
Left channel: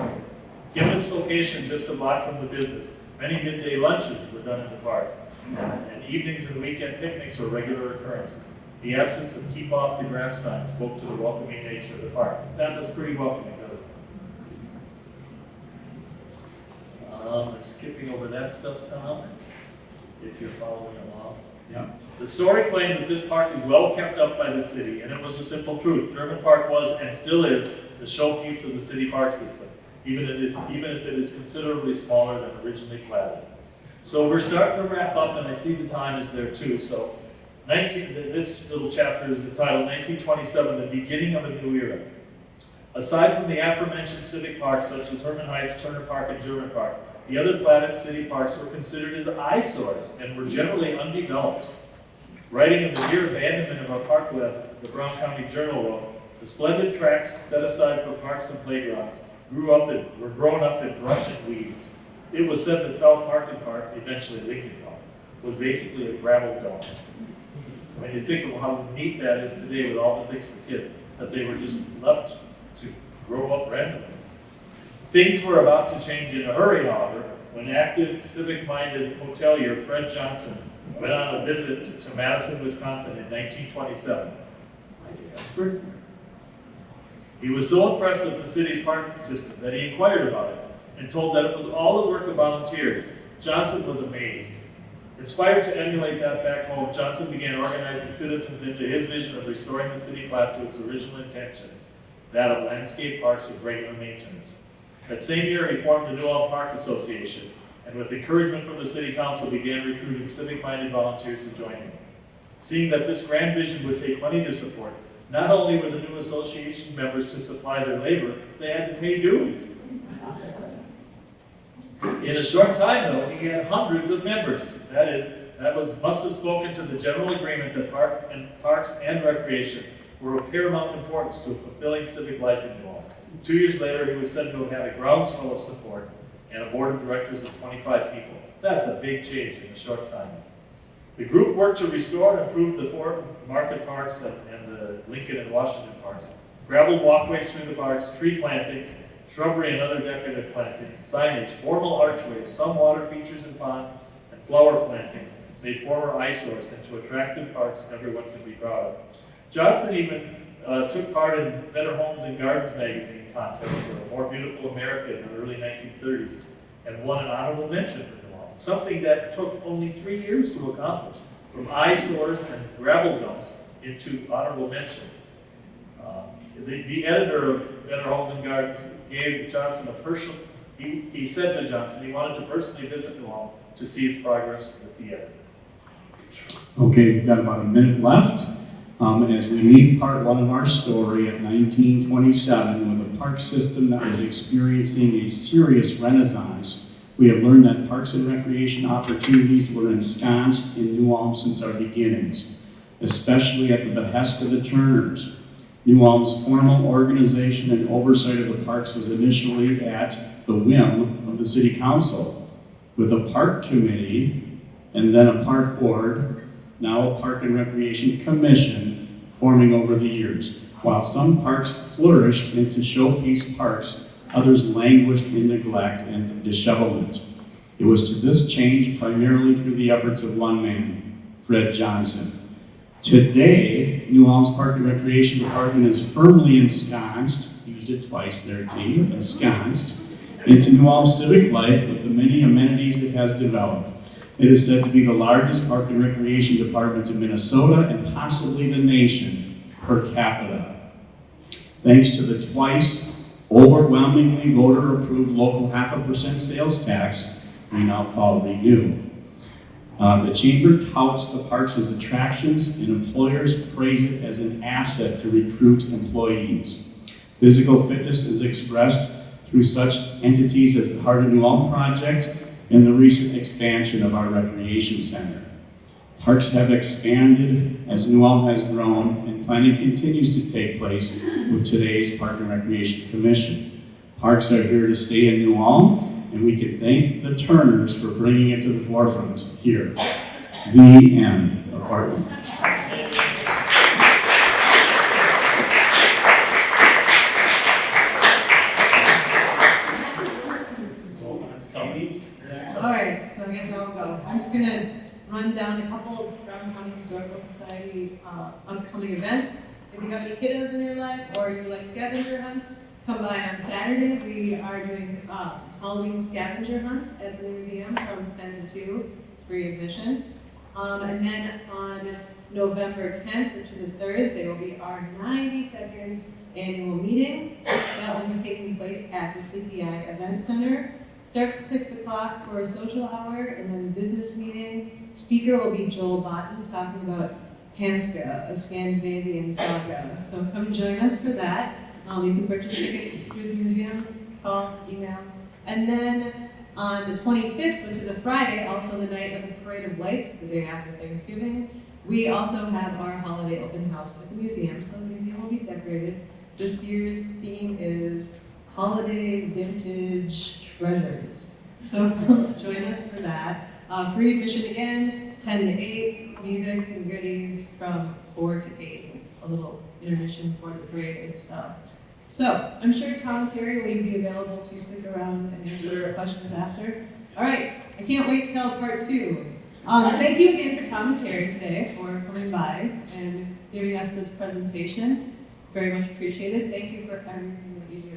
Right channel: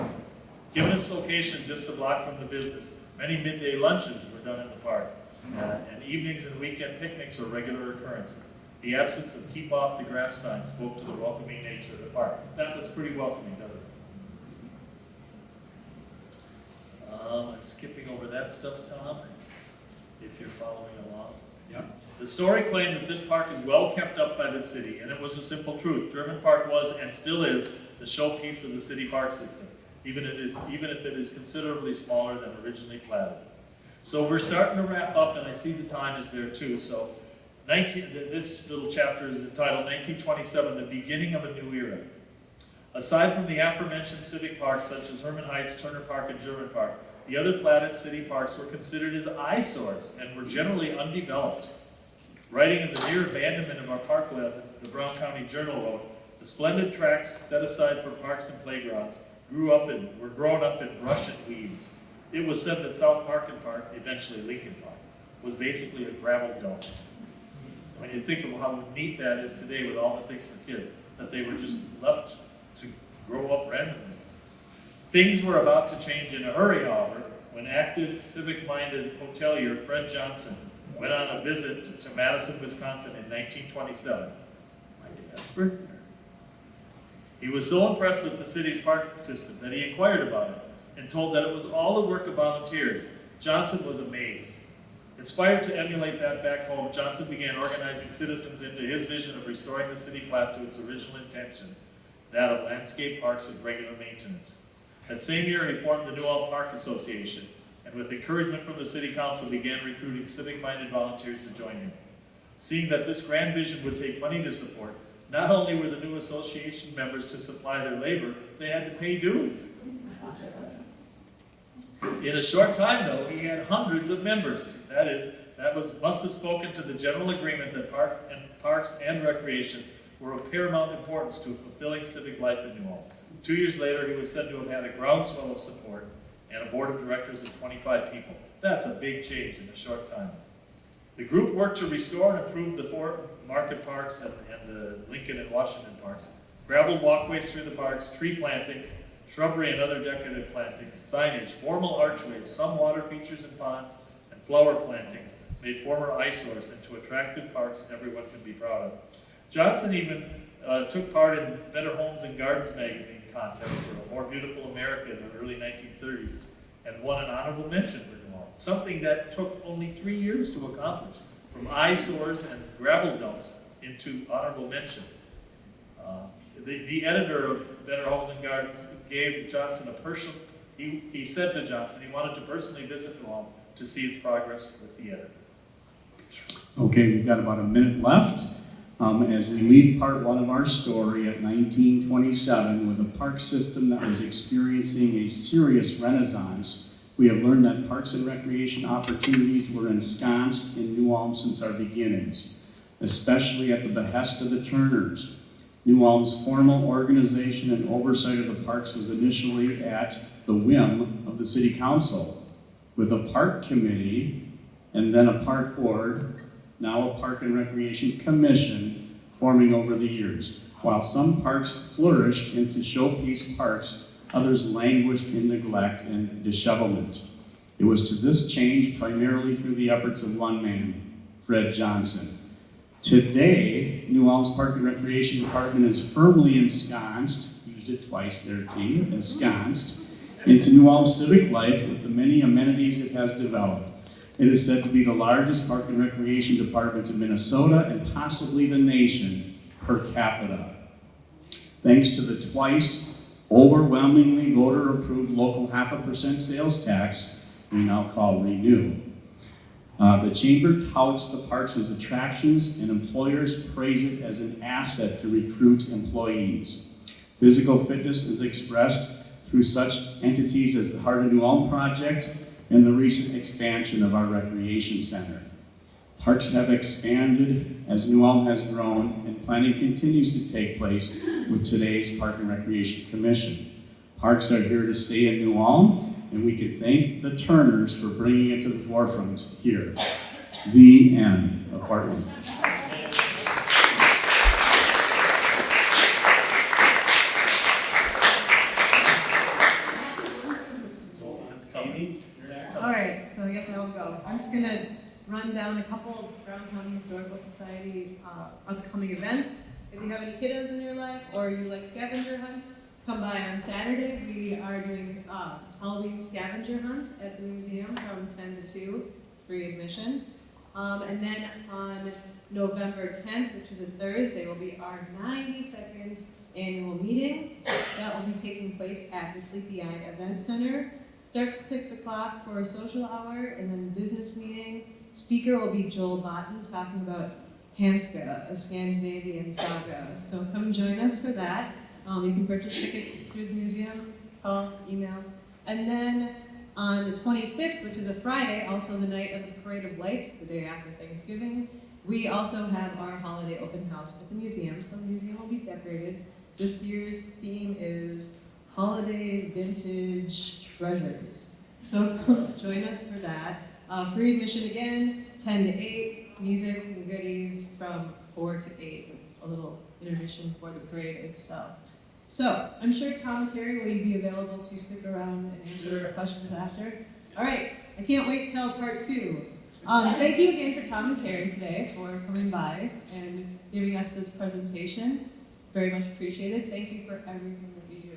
Given its location just a block from the business, many midday lunches were done in the park, and evenings and weekend picnics were regular occurrences. The absence of keep off the grass sign spoke to the welcoming nature of the park. That's pretty welcoming, doesn't it? I'm skipping over that stuff, Tom, if you're following along. Yeah. The story claimed that this park is well kept up by the city, and it was a simple truth. German Park was, and still is, the showpiece of the city park system, even if it is considerably smaller than originally platted. So we're starting to wrap up, and I see the time is there too. So this little chapter is entitled 1927, the beginning of a new era. Aside from the aforementioned civic parks such as Herman Heights, Turner Park, and German Park, the other platted city parks were considered as eyesores and were generally undeveloped. Writing of the near abandonment of our parkland, the Brown County Journal wrote, "The splendid tracts set aside for parks and playgrounds were growing up in brush and weeds. It was said that South Market Park, eventually Lincoln Park, was basically a gravel dump. When you think of how neat that is today with all the things for kids, that they were just left to grow up randomly. Things were about to change in a hurry, however, when active, civic-minded hotelier Fred Johnson went on a visit to Madison, Wisconsin in 1927. My dad's birthday. He was so impressed with the city's parking system that he inquired about it and told that it was all the work of volunteers. Johnson was amazed. Inspired to emulate that back home, Johnson began organizing citizens into his vision of restoring the city plat to its original intention, that of landscape parks with regular maintenance. That same year, he formed the New Ulm Park Association, and with encouragement from the city council, began recruiting civic-minded volunteers to join him. Seeing that this grand vision would take money to support, not only were the new association members to supply their labor, they had to pay dues. In a short time, though, he had hundreds of members. Must have spoken to the general agreement that parks and recreation were of paramount importance to a fulfilling civic life in New Ulm. 2 years later, he was said to have had a groundswell of support and a board of directors of 25 people. That's a big change in a short time. The group worked to restore and improve the 4 market parks and the Lincoln and Washington parks. Gravel walkways through the parks, tree plantings, shrubbery and other decorative plantings, signage, formal archways, some water features and ponds, and flower plantings made former eyesores into attractive parks everyone could be proud of. Johnson even took part in Better Homes and Gardens magazine contest for a more beautiful America in the early 1930s and won an honorable mention for New Ulm, something that took only 3 years to accomplish, from eyesores and gravel dumps into honorable mention. The editor of Better Homes and Gardens gave Johnson a personal, he said to Johnson he wanted to personally visit New Ulm to see its progress with the editor. Okay, we've got about a minute left. As we leave part 1 of our story at 1927, when the park system that was experiencing a serious renaissance, we have learned that parks and recreation opportunities were ensconced in New Ulm since our beginnings, especially at the behest of the Turners. New Ulm's formal organization and oversight of the parks was initially at the whim of the city council, with a park committee and then a park board, now a park and recreation commission, forming over the years. While some parks flourished into showpiece parks, others languished in neglect and dishevelment. It was to this change primarily through the efforts of one man, Fred Johnson. Today, New Ulm's Park and Recreation Department is firmly ensconced, use it twice there, T, ensconced, into New Ulm's civic life with the many amenities it has developed. It is said to be the largest park and recreation department in Minnesota and possibly the nation per capita. Thanks to the twice overwhelmingly voter-approved local 0.5% sales tax we now call Renew. The Chamber touts the parks as attractions, and employers praise it as an asset to recruit employees. Physical fitness is expressed through such entities as the Heart of New Ulm Project and the recent expansion of our recreation center. Parks have expanded as New Ulm has grown, and planning continues to take place with today's Park and Recreation Commission. Parks are here to stay in New Ulm, and we can thank the Turners for bringing it to the forefront here. The end of part 1. All right, so I guess now we'll go. I'm just gonna run down a couple of Brown County Historical Society upcoming events. If you have any kiddos in your life or you like scavenger hunts, come by on Saturday. We are doing Halloween scavenger hunt at the museum from 10 to 2, free admission. And then on November 10th, which is a Thursday, will be our 92nd annual meeting. That will be taking place at the CPI Event Center. Starts at 6 o'clock for a social hour and then business meeting. Speaker will be Joel Botten talking about Hanska, a Scandinavian saga. So come join us for that. You can purchase tickets through the museum, call, email. And then on the 25th, which is a Friday, also the night of the Parade of Lights, the day after Thanksgiving, we also have our holiday open house at the museum. So the museum will be decorated. This year's theme is holiday vintage treasures. So join us for that. Free admission again, 10 to 8, music and goodies from 4 to 8. A little intermission for the parade itself. So I'm sure Tom Terry will be available to stick around and answer questions after. All right, I can't wait till part 2. Thank you again for Tom and Terry today for coming by and giving us this presentation. Very much appreciated. Thank you for everything that you do.